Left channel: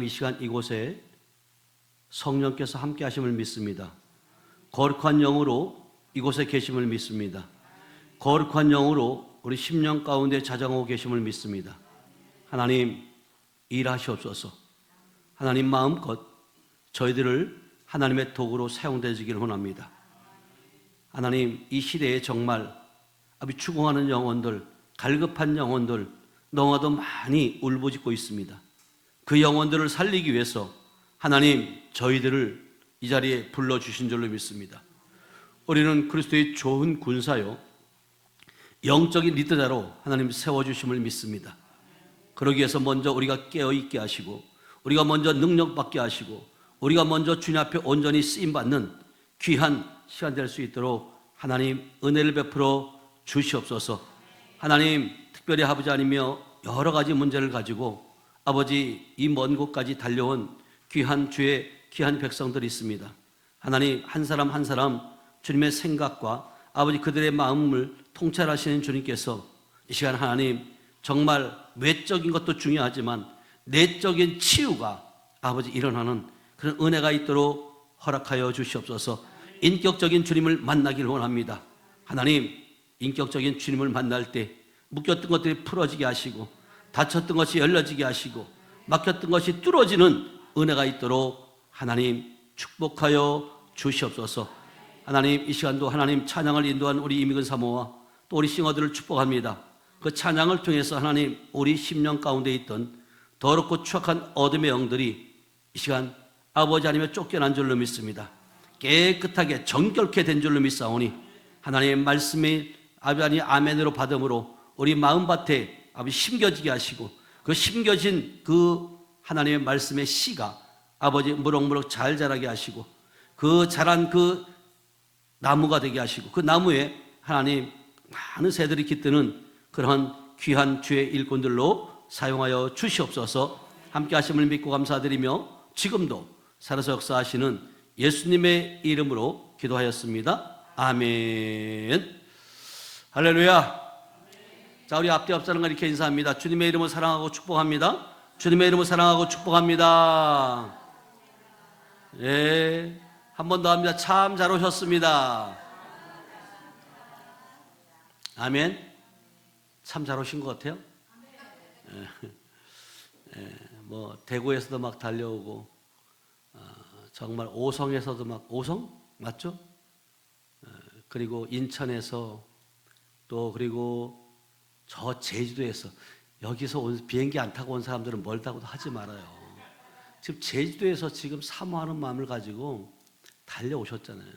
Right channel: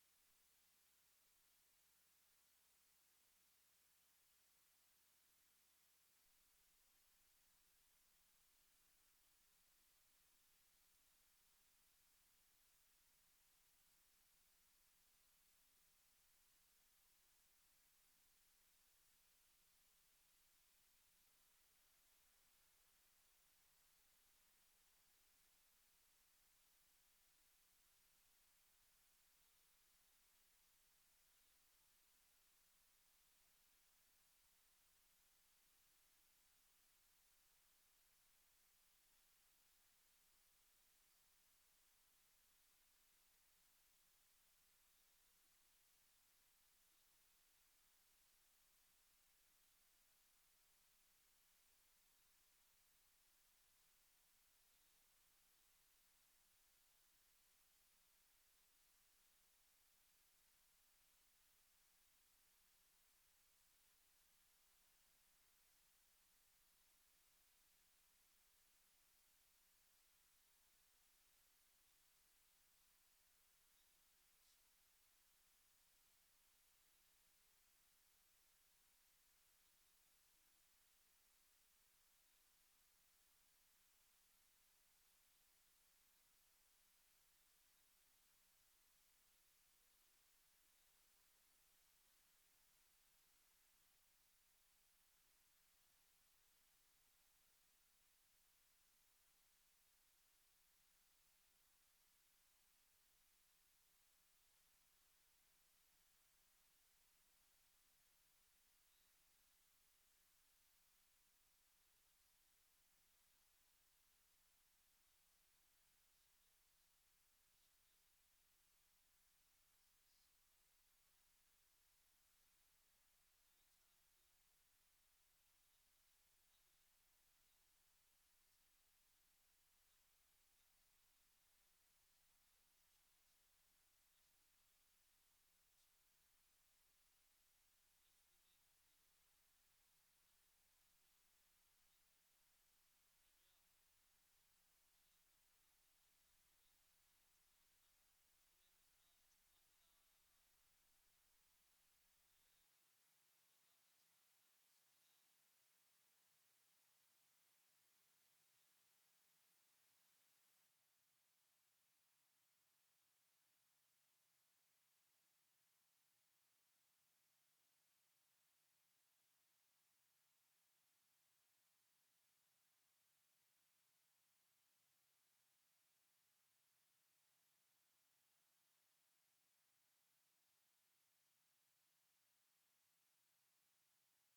이 시간 이곳에 성령께서 함께 하심을 믿습니다. 거룩한 영으로 이곳에 계심을 믿습니다. 거룩한 영으로 우리 심령 가운데 자정하고 계심을 믿습니다. 하나님 일하시옵소서. 하나님 마음껏 저희들을 하나님의 도구로 사용되시기를 원합니다. 하나님 이 시대에 정말 아버지 추궁하는 영혼들, 갈급한 영혼들 너무나도 많이 울부짖고 있습니다. 그 영혼들을 살리기 위해서 하나님 저희들을 이 자리에 불러주신 줄로 믿습니다. 우리는 그리스도의 좋은 군사요 영적인 리더자로 하나님 세워주심을 믿습니다. 그러기 위해서 먼저 우리가 깨어있게 하시고 우리가 먼저 능력받게 하시고 우리가 먼저 주님 앞에 온전히 쓰임받는 귀한 시간 될 수 있도록 하나님 은혜를 베풀어 주시옵소서. 하나님 특별히 아버지 아니며 여러 가지 문제를 가지고 아버지 이 먼 곳까지 달려온 귀한 주의 귀한 백성들이 있습니다. 하나님 한 사람 한 사람 주님의 생각과 아버지 그들의 마음을 통찰하시는 주님께서 이 시간 하나님 정말 외적인 것도 중요하지만 내적인 치유가 아버지 일어나는 그런 은혜가 있도록 허락하여 주시옵소서. 인격적인 주님을 만나기를 원합니다. 하나님 인격적인 주님을 만날 때 묶였던 것들이 풀어지게 하시고 닫혔던 것이 열려지게 하시고 막혔던 것이 뚫어지는 은혜가 있도록 하나님 축복하여 주시옵소서. 하나님 이 시간도 하나님 찬양을 인도한 우리 이미근 사모와 또 우리 싱어들을 축복합니다. 그 찬양을 통해서 하나님 우리 심령 가운데 있던 더럽고 추악한 어둠의 영들이 이 시간 아버지 아니면 쫓겨난 줄로 믿습니다. 깨끗하게 정결케 된 줄로 믿사오니 하나님의 말씀이 아버지 아멘으로 받음으로 우리 마음밭에 아버지 심겨지게 하시고 그 심겨진 그 하나님의 말씀의 씨가 아버지 무럭무럭 잘 자라게 하시고 그 자란 그 나무가 되게 하시고 그 나무에 하나님 많은 새들이 깃드는 그러한 귀한 주의 일꾼들로 사용하여 주시옵소서. 함께 하심을 믿고 감사드리며 지금도 살아서 역사하시는 예수님의 이름으로 기도하였습니다. 아멘. 할렐루야. 자, 우리 앞뒤 앞사람과 이렇게 인사합니다. 주님의 이름을 사랑하고 축복합니다. 주님의 이름을 사랑하고 축복합니다. 예, 한 번 더 합니다. 참 잘 오셨습니다. 아멘. 참 잘 오신 것 같아요. 뭐 대구에서도 막 달려오고 정말 오성에서도 막 오성 맞죠? 그리고 인천에서 또 그리고 저 제주도에서 여기서 온 비행기 안 타고 온 사람들은 멀다고도 하지 말아요. 지금 제주도에서 지금 사모하는 마음을 가지고 달려오셨잖아요.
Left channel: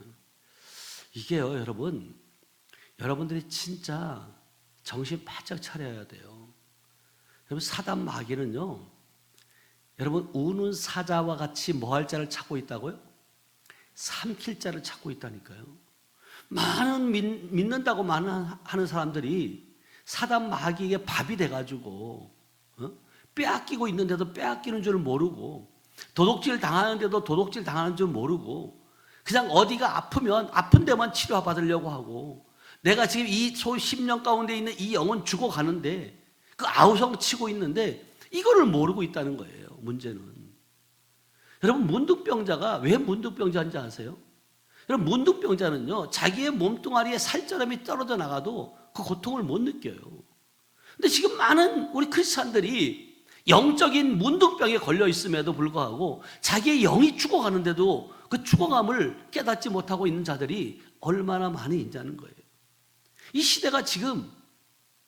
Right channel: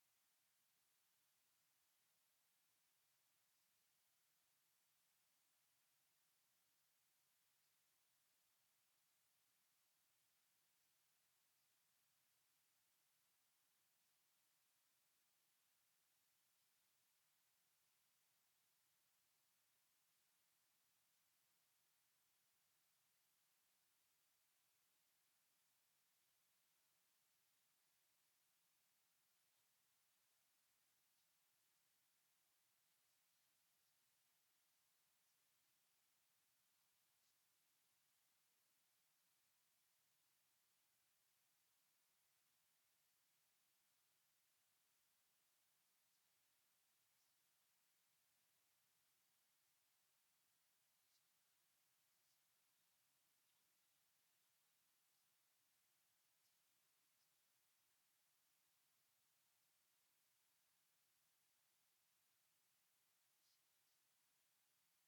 이게요, 여러분들이 진짜 정신 바짝 차려야 돼요. 여러분 사단 마귀는요, 여러분 우는 사자와 같이 뭐 할 자를 찾고 있다고요? 삼킬 자를 찾고 있다니까요. 많은 믿는다고 하는 사람들이 사단 마귀에게 밥이 돼가지고 빼앗기고 있는데도 빼앗기는 줄 모르고 도둑질 당하는데도 도둑질 당하는 줄 모르고 그냥 어디가 아프면 아픈 데만 치료받으려고 하고 내가 지금 이 심령 가운데 있는 이 영혼 죽어가는데 그 아우성 치고 있는데 이거를 모르고 있다는 거예요. 문제는 여러분 문둥병자가 왜 문둥병자인지 아세요? 여러분 문둥병자는요 자기의 몸뚱아리에 살점이 떨어져 나가도 그 고통을 못 느껴요. 근데 지금 많은 우리 크리스찬들이 영적인 문둥병에 걸려 있음에도 불구하고 자기의 영이 죽어가는데도 그 죽어감을 깨닫지 못하고 있는 자들이 얼마나 많이 있냐는 거예요. 이 시대가 지금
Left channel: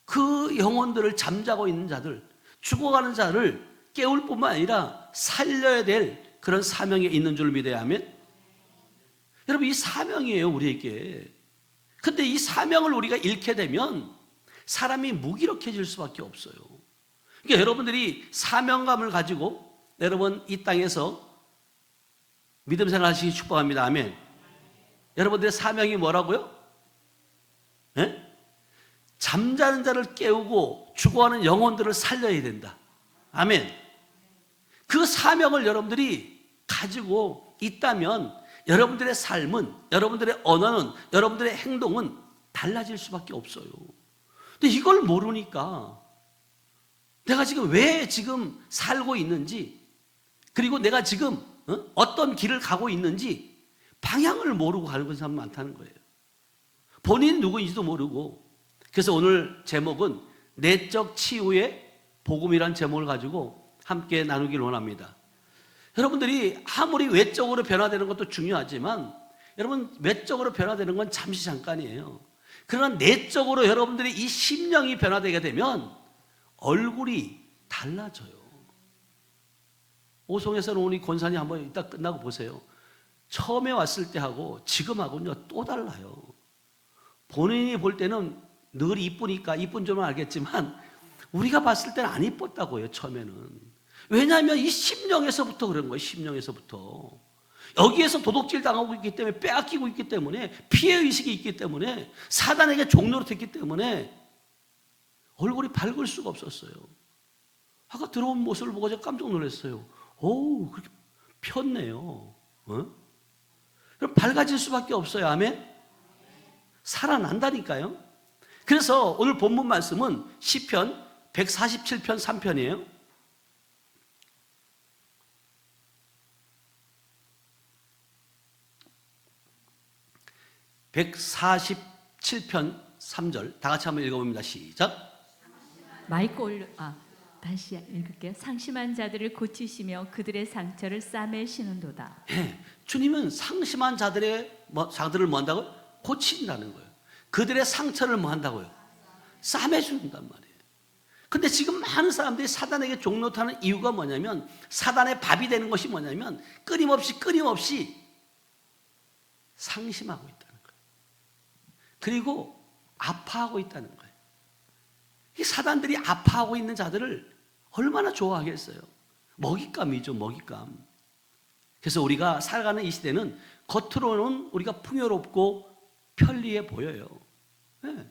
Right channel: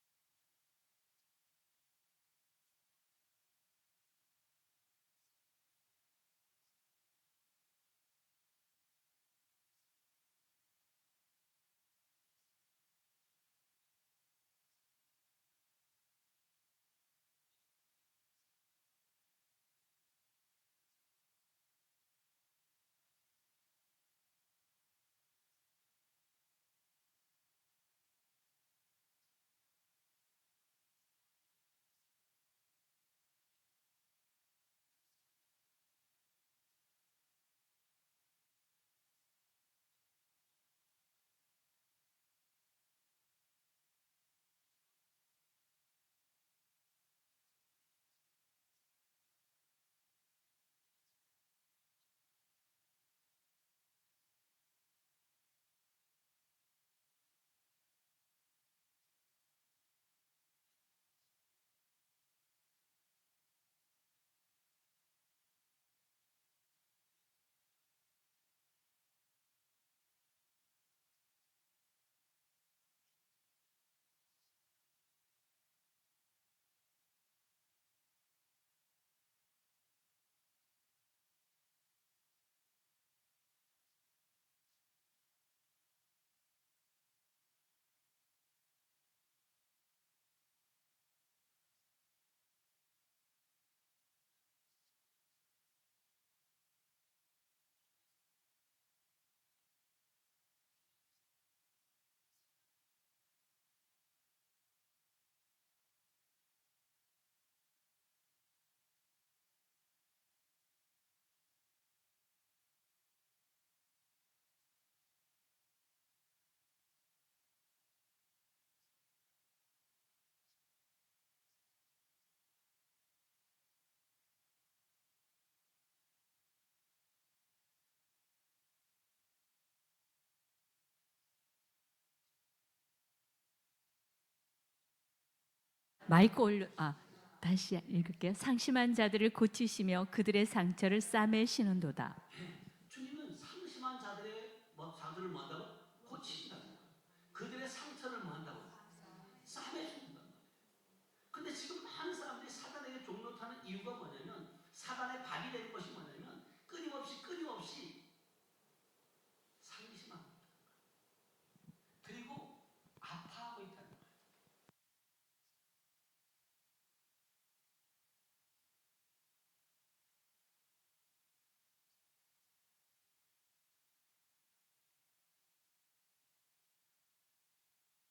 그 영혼들을 잠자고 있는 자들, 죽어가는 자를 깨울 뿐만 아니라 살려야 될 그런 사명에 있는 줄 믿어야 하면 여러분 이 사명이에요 우리에게. 근데 이 사명을 우리가 잃게 되면 사람이 무기력해질 수밖에 없어요. 그러니까 여러분들이 사명감을 가지고 여러분 이 땅에서 믿음 생활 하시기 축복합니다. 아멘. 여러분들의 사명이 뭐라고요? 네? 잠자는 자를 깨우고 죽어가는 영혼들을 살려야 된다. 아멘. 그 사명을 여러분들이 가지고 있다면 여러분들의 삶은, 여러분들의 언어는, 여러분들의 행동은 달라질 수밖에 없어요. 근데 이걸 모르니까 내가 지금 왜 지금 살고 있는지 그리고 내가 지금 어떤 길을 가고 있는지 방향을 모르고 가는 사람 많다는 거예요. 본인이 누구인지도 모르고. 그래서 오늘 제목은 내적 치유의 복음이라는 제목을 가지고 함께 나누길 원합니다. 여러분들이 아무리 외적으로 변화되는 것도 중요하지만 여러분, 외적으로 변화되는 건 잠시 잠깐이에요. 그러나 내적으로 여러분들이 이 심령이 변화되게 되면 얼굴이 달라져요. 오송에서는 우리 권사님 한번 이따 끝나고 보세요. 처음에 왔을 때하고 지금하고는 또 달라요. 본인이 볼 때는 늘 이쁘니까 이쁜 줄만 알겠지만 우리가 봤을 때는 안 이뻤다고요, 처음에는. 왜냐하면 이 심령에서부터 그런 거예요. 심령에서부터. 여기에서 도둑질 당하고 있기 때문에, 빼앗기고 있기 때문에, 피해의식이 있기 때문에, 사단에게 종로로 됐기 때문에 얼굴이 밝을 수가 없었어요. 아까 들어온 모습을 보고 제가 깜짝 놀랐어요. 오, 그렇게 폈네요. 그럼 밝아질 수밖에 없어요. 아멘? 살아난다니까요. 그래서 오늘 본문 말씀은 시편 147편 3편이에요. 147편 3절 다 같이 한번 읽어봅니다. 시작. 마이크 다시 읽을게요. 상심한 자들을 고치시며 그들의 상처를 싸매시는도다. 주님은 상심한 자들을 뭐 한다고? 고친다는 거예요. 그들의 상처를 뭐 한다고요? 싸매준단 말이에요. 근데 지금 많은 사람들이 사단에게 종노타는 이유가 뭐냐면, 사단의 밥이 되는 것이 뭐냐면 끊임없이 상심하고 있다는 거예요. 그리고 아파하고 있다는 거예요. 이 사단들이 아파하고 있는 자들을 얼마나 좋아하겠어요? 먹잇감이죠, 먹잇감. 그래서 우리가 살아가는 이 시대는 겉으로는 우리가 풍요롭고 편리해 보여요. 네.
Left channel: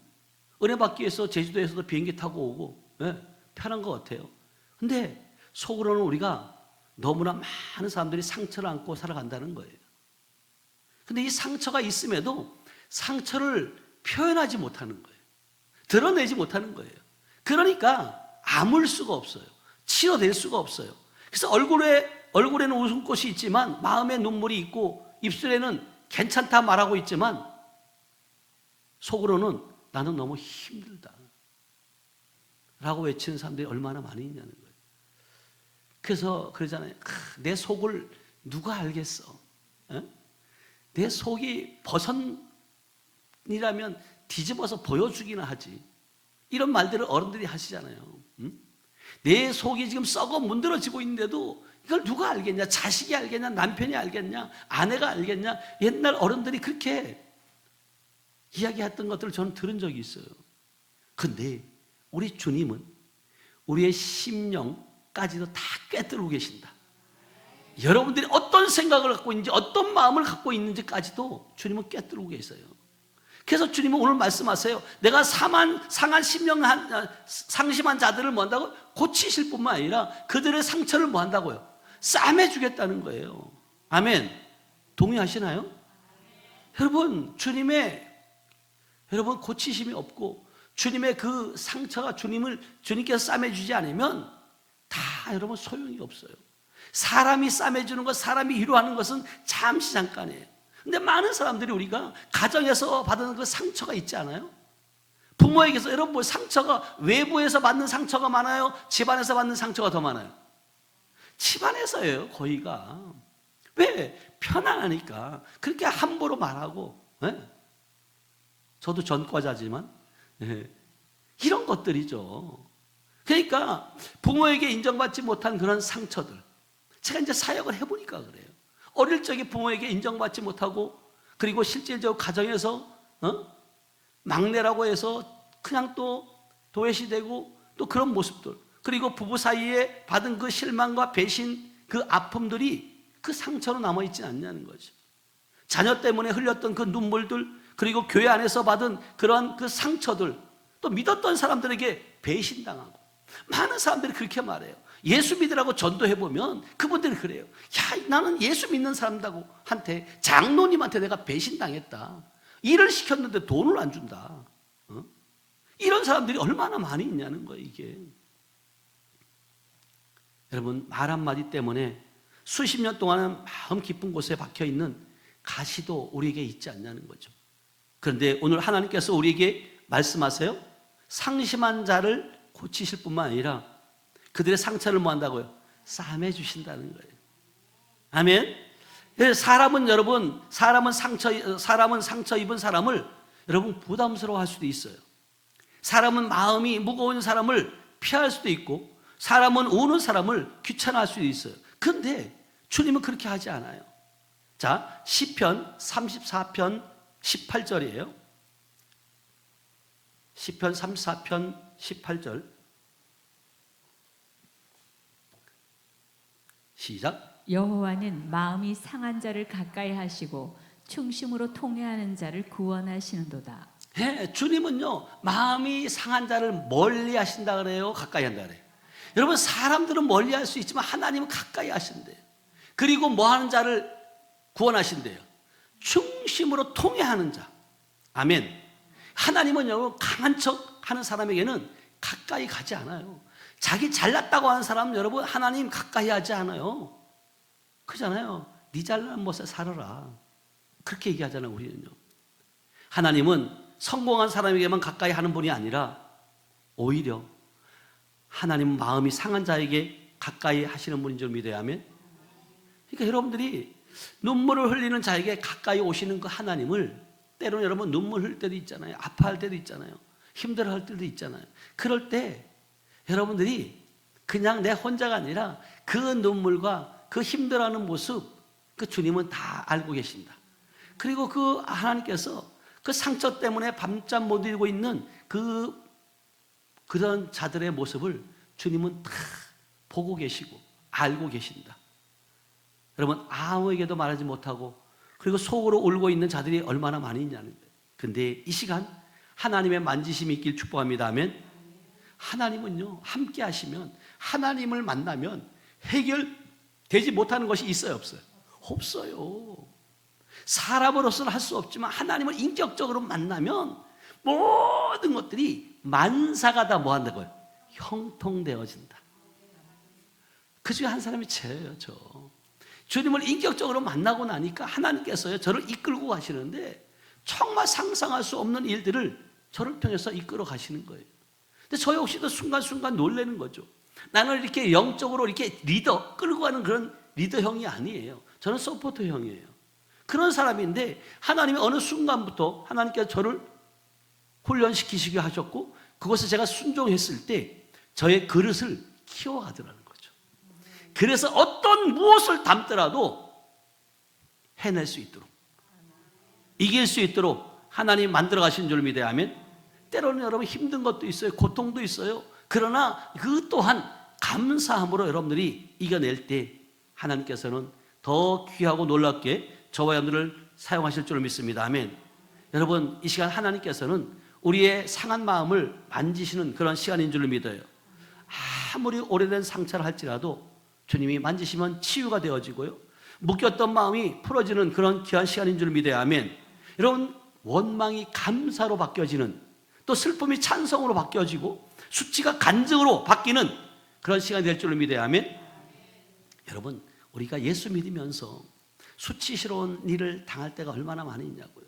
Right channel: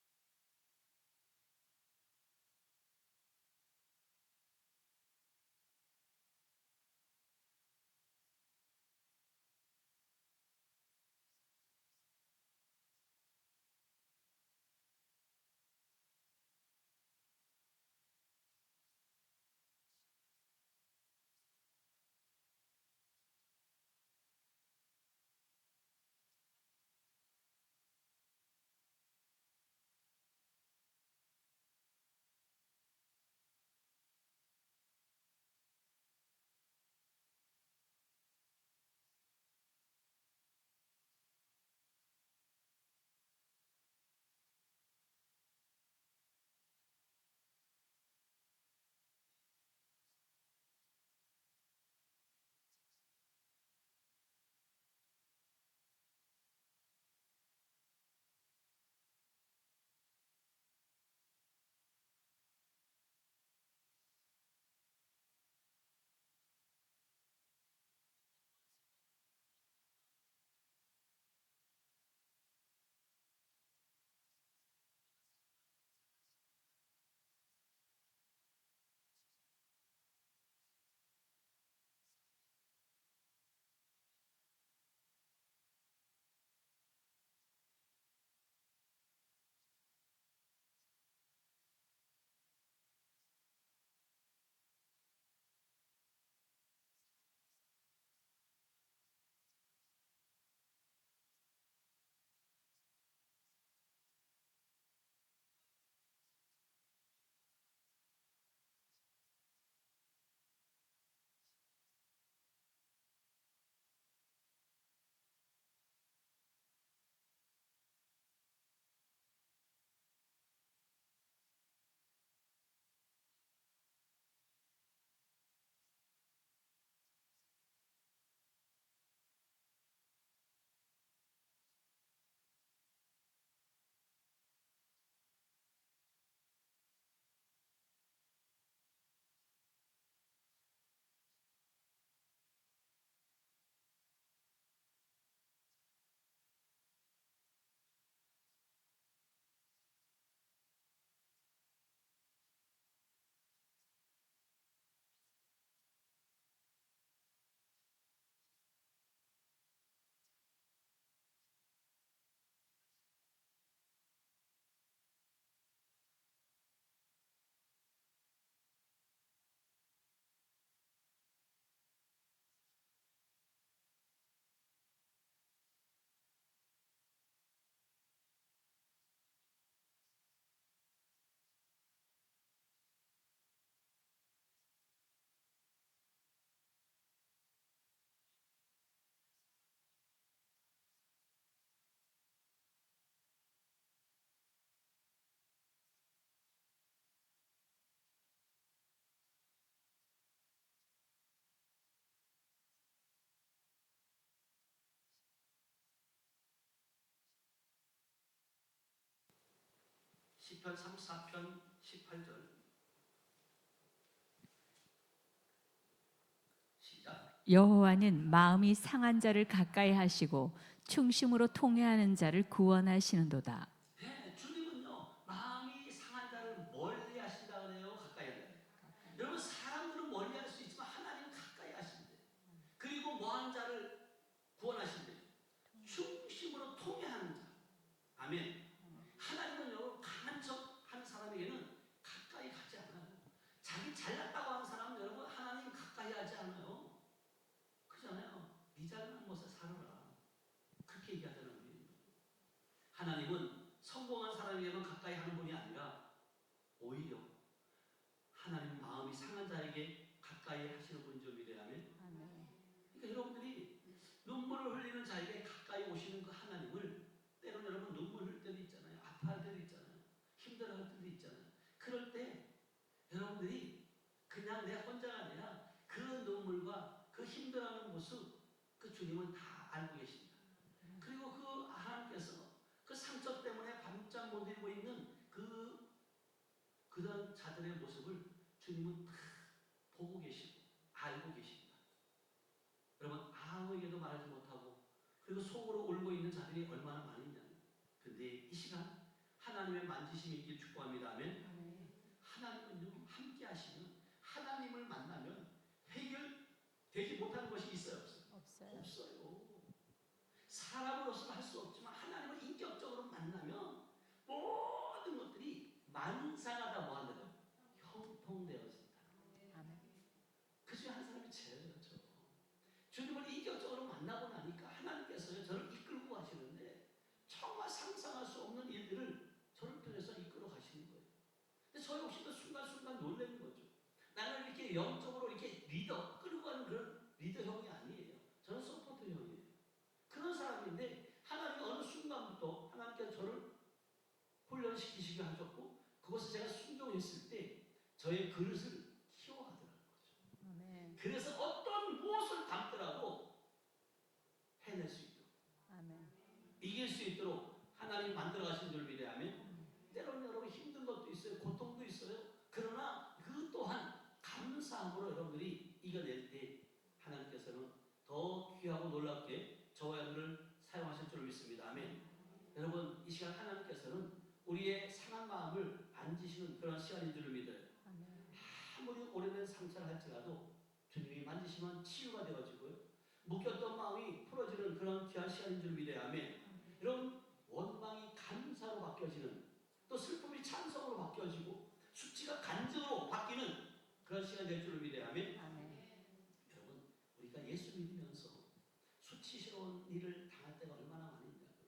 은혜 받기 위해서 제주도에서도 비행기 타고 오고, 네. 편한 것 같아요. 근데 속으로는 우리가 너무나 많은 사람들이 상처를 안고 살아간다는 거예요. 근데 이 상처가 있음에도 상처를 표현하지 못하는 거예요. 드러내지 못하는 거예요. 그러니까 아물 수가 없어요. 치료될 수가 없어요. 그래서 얼굴에는 웃음꽃이 있지만 마음에 눈물이 있고 입술에는 괜찮다 말하고 있지만 속으로는 나는 너무 힘들다 라고 외치는 사람들이 얼마나 많이 있냐는 거예요. 그래서 그러잖아요. 내 속을 누가 알겠어? 내 속이 버선이라면 뒤집어서 보여주기나 하지. 이런 말들을 어른들이 하시잖아요. 내 속이 지금 썩어 문드러지고 있는데도 이걸 누가 알겠냐? 자식이 알겠냐? 남편이 알겠냐? 아내가 알겠냐? 옛날 어른들이 그렇게 이야기했던 것들을 저는 들은 적이 있어요. 근데 우리 주님은 우리의 심령까지도 다 꿰뚫고 계신다. 여러분들이 어떤 생각을 갖고 있는지, 어떤 마음을 갖고 있는지까지도 주님은 꿰뚫고 계세요. 그래서 주님은 오늘 말씀하세요. 내가 상한 상심한 자들을 뭐 한다고? 고치실 뿐만 아니라 그들의 상처를 뭐 한다고요? 싸매주겠다는 거예요. 아멘. 동의하시나요? 여러분 고치심이 없고 주님의 그 상처가 주님께서 싸매주지 않으면 다 여러분 소용이 없어요. 사람이 싸매주는 것, 사람이 위로하는 것은 잠시 잠깐이에요. 근데 많은 사람들이 우리가 가정에서 받은 그 상처가 있지 않아요? 부모에게서 여러분 뭐 상처가 외부에서 받는 상처가 많아요? 집안에서 받는 상처가 더 많아요? 집안에서예요, 거의가. 왜? 편안하니까 그렇게 함부로 말하고. 저도 전과자지만 이런 것들이죠. 그러니까 부모에게 인정받지 못한 그런 상처들, 제가 이제 사역을 해보니까 그래요. 어릴 적에 부모에게 인정받지 못하고, 그리고 실제적으로 가정에서 막내라고 해서 그냥 또 도외시되고, 또 그런 모습들, 그리고 부부 사이에 받은 그 실망과 배신, 그 아픔들이 그 상처로 남아있지 않냐는 거죠. 자녀 때문에 흘렸던 그 눈물들, 그리고 교회 안에서 받은 그런 그 상처들, 또 믿었던 사람들에게 배신당하고. 많은 사람들이 그렇게 말해요. 예수 믿으라고 전도해보면 그분들이 그래요. 야, 나는 예수 믿는 사람한테, 장로님한테 내가 배신당했다. 일을 시켰는데 돈을 안 준다. 이런 사람들이 얼마나 많이 있냐는 거예요, 이게. 여러분, 말 한마디 때문에 수십 년 동안은 마음 깊은 곳에 박혀 있는 가시도 우리에게 있지 않냐는 거죠. 그런데 오늘 하나님께서 우리에게 말씀하세요. 상심한 자를 고치실 뿐만 아니라 그들의 상처를 뭐 한다고요? 싸매 주신다는 거예요. 아멘. 사람은 여러분, 사람은 상처 입은 사람을 여러분 부담스러워할 수도 있어요. 사람은 마음이 무거운 사람을 피할 수도 있고, 사람은 우는 사람을 귀찮아할 수도 있어요. 그런데 주님은 그렇게 하지 않아요. 자, 시편 34편 18절이에요. 시편 34편 18절 시작. 여호와는 마음이 상한 자를 가까이 하시고 충심으로 통회하는 자를 구원하시는도다. 네, 주님은요 마음이 상한 자를 멀리 하신다 그래요, 가까이 한다 그래요? 여러분, 사람들은 멀리 할 수 있지만 하나님은 가까이 하신대요. 그리고 뭐 하는 자를 구원하신대요? 충심으로 통회하는 자. 아멘. 하나님은요 강한 척 하는 사람에게는 가까이 가지 않아요. 자기 잘났다고 하는 사람은 여러분 하나님 가까이 하지 않아요. 그잖아요. 네 잘난 못에 살아라, 그렇게 얘기하잖아요. 우리는요. 하나님은 성공한 사람에게만 가까이 하는 분이 아니라 오히려 하나님은 마음이 상한 자에게 가까이 하시는 분인 줄 믿어야 하면, 그러니까 여러분들이 눈물을 흘리는 자에게 가까이 오시는 그 하나님을, 때로는 여러분 눈물 흘릴 때도 있잖아요. 아파할 때도 있잖아요. 힘들어할 때도 있잖아요. 그럴 때 여러분들이 그냥 내 혼자가 아니라 그 눈물과 그 힘들어하는 모습, 그 주님은 다 알고 계신다. 그리고 그 하나님께서 그 상처 때문에 밤잠 못 이루고 있는 그런 자들의 모습을 주님은 다 보고 계시고 알고 계신다. 여러분, 아무에게도 말하지 못하고 그리고 속으로 울고 있는 자들이 얼마나 많이 있냐는 거예요. 근데 이 시간 하나님의 만지심이 있길 축복합니다. 아멘. 하나님은요 함께 하시면, 하나님을 만나면 해결되지 못하는 것이 있어요, 없어요? 없어요. 사람으로서는 할 수 없지만 하나님을 인격적으로 만나면 모든 것들이 만사가 다 뭐 한다고요? 형통되어진다. 그 중에 한 사람이 저예요. 저 주님을 인격적으로 만나고 나니까 하나님께서요 저를 이끌고 가시는데 정말 상상할 수 없는 일들을 저를 통해서 이끌어 가시는 거예요. 근데 저 역시도 순간순간 놀라는 거죠. 나는 이렇게 영적으로 이렇게 리더 끌고 가는 그런 리더형이 아니에요. 저는 서포터형이에요. 그런 사람인데 하나님이 어느 순간부터 하나님께서 저를 훈련시키시게 하셨고, 그것을 제가 순종했을 때 저의 그릇을 키워가더라는 거죠. 그래서 어떤 무엇을 담더라도 해낼 수 있도록, 이길 수 있도록 하나님 만들어 가신 줄 믿어야 하면, 때로는 여러분 힘든 것도 있어요. 고통도 있어요. 그러나 그 또한 감사함으로 여러분들이 이겨낼 때 하나님께서는 더 귀하고 놀랍게 저와 여러분들을 사용하실 줄 믿습니다. 아멘. 여러분, 이 시간 하나님께서는 우리의 상한 마음을 만지시는 그런 시간인 줄 믿어요. 아무리 오래된 상처를 할지라도 주님이 만지시면 치유가 되어지고요, 묶였던 마음이 풀어지는 그런 귀한 시간인 줄 믿어야 아멘. 여러분, 원망이 감사로 바뀌어지는, 또 슬픔이 찬성으로 바뀌어지고 수치가 간증으로 바뀌는 그런 시간이 될 줄 믿어야 아멘. 여러분, 우리가 예수 믿으면서 수치스러운 일을 당할 때가 얼마나 많이 있냐고요.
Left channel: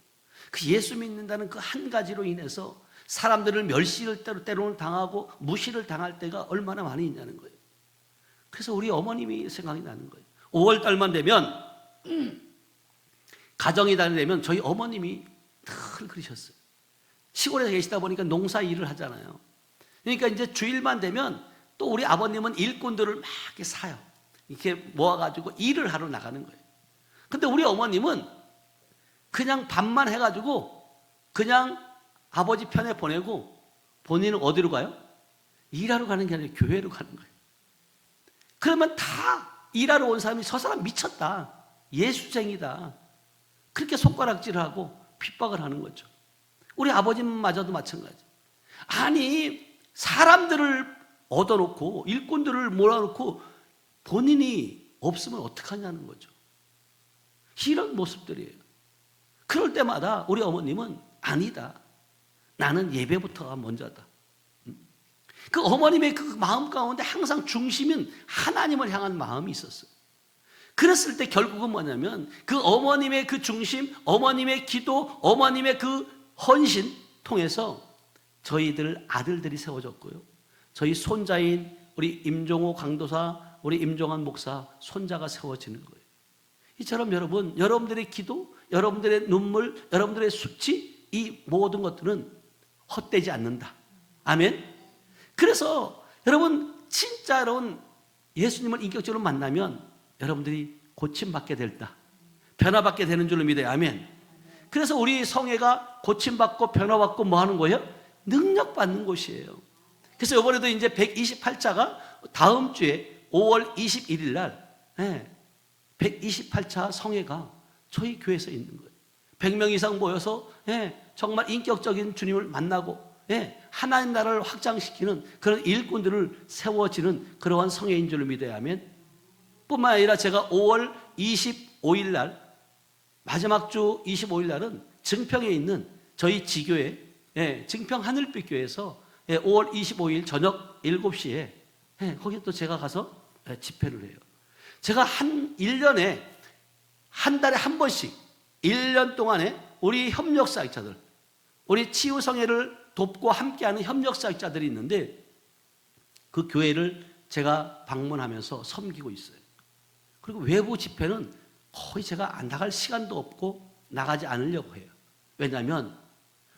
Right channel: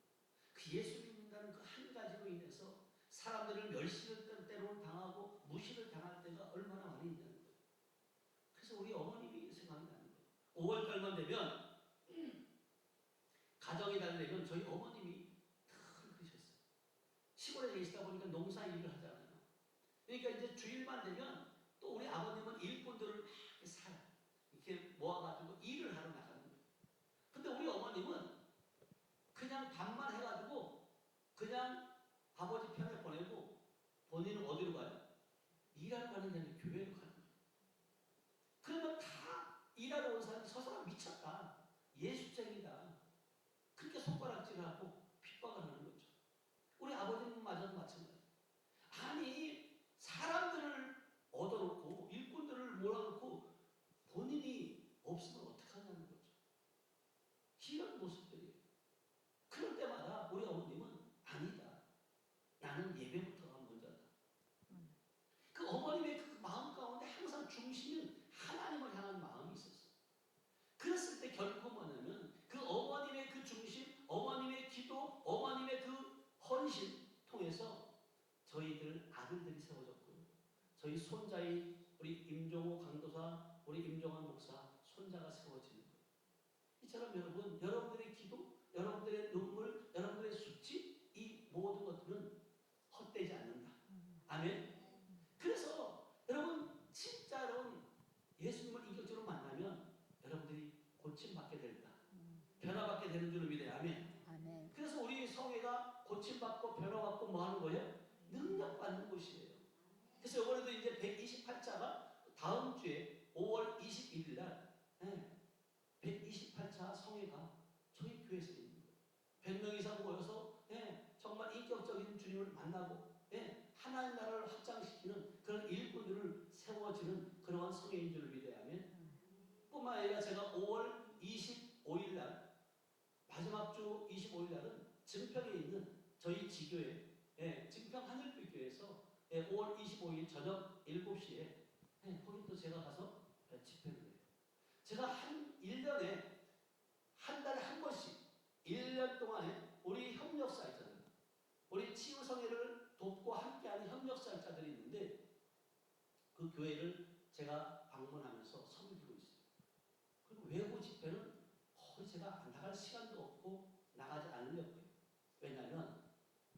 그 예수 믿는다는 그 한 가지로 인해서 사람들을 멸시를 때로는 당하고 무시를 당할 때가 얼마나 많이 있냐는 거예요. 그래서 우리 어머님이 생각이 나는 거예요. 5월 달만 되면 가정이 되면 저희 어머님이 늘 그러셨어요. 시골에 계시다 보니까 농사 일을 하잖아요. 그러니까 이제 주일만 되면 또 우리 아버님은 일꾼들을 막 이렇게 사요. 이렇게 모아가지고 일을 하러 나가는 거예요. 근데 우리 어머님은 그냥 밥만 해가지고 그냥 아버지 편에 보내고 본인은 어디로 가요? 일하러 가는 게 아니라 교회로 가는 거예요. 그러면 다 일하러 온 사람이 저 사람 미쳤다, 예수쟁이다, 그렇게 손가락질을 하고 핍박을 하는 거죠. 우리 아버님마저도 마찬가지. 아니, 사람들을 얻어놓고 일꾼들을 몰아놓고 본인이 없으면 어떡하냐는 거죠. 이런 모습들이에요. 그럴 때마다 우리 어머님은 아니다, 나는 예배부터가 먼저다. 그 어머님의 그 마음 가운데 항상 중심은 하나님을 향한 마음이 있었어요. 그랬을 때 결국은 뭐냐면 그 어머님의 그 중심, 어머님의 기도, 어머님의 그 헌신 통해서 저희들 아들들이 세워졌고요. 저희 손자인 우리 임종호 강도사, 우리 임종환 목사 손자가 세워지는 거예요. 이처럼 여러분, 여러분들의 기도, 여러분들의 눈물, 여러분들의 수치, 이 모든 것들은 헛되지 않는다. 아멘. 그래서 여러분 진짜 여러분 예수님을 인격적으로 만나면 여러분들이 고침받게 될다. 변화받게 되는 줄로 믿어요. 아멘. 그래서 우리 성회가 고침받고 변화받고 뭐 하는 거예요? 능력받는 곳이에요. 그래서 이번에도 이제 128차가 다음 주에 5월 21일 날 128차 성회가 저희 교회에서 있는 거예요. 100명 이상 모여서 정말 인격적인 주님을 만나고 하나님 나라를 확장시키는 그런 일꾼들을 세워지는 그러한 성회인 줄로 믿어야 하면, 뿐만 아니라 제가 5월 25일 날 마지막 주 25일 날은 증평에 있는 저희 지교회 증평 하늘빛 교회에서 5월 25일 저녁 7시에 거기 또 제가 가서 집회를 해요. 제가 1년에 한 달에 한 번씩 1년 동안에 우리 협력사역자들, 우리 치유성회를 돕고 함께하는 협력사역자들이 있는데 그 교회를 제가 방문하면서 섬기고 있어요. 그리고 외부 집회는 거의 제가 안 나갈 시간도 없고 나가지 않으려고 해요. 왜냐하면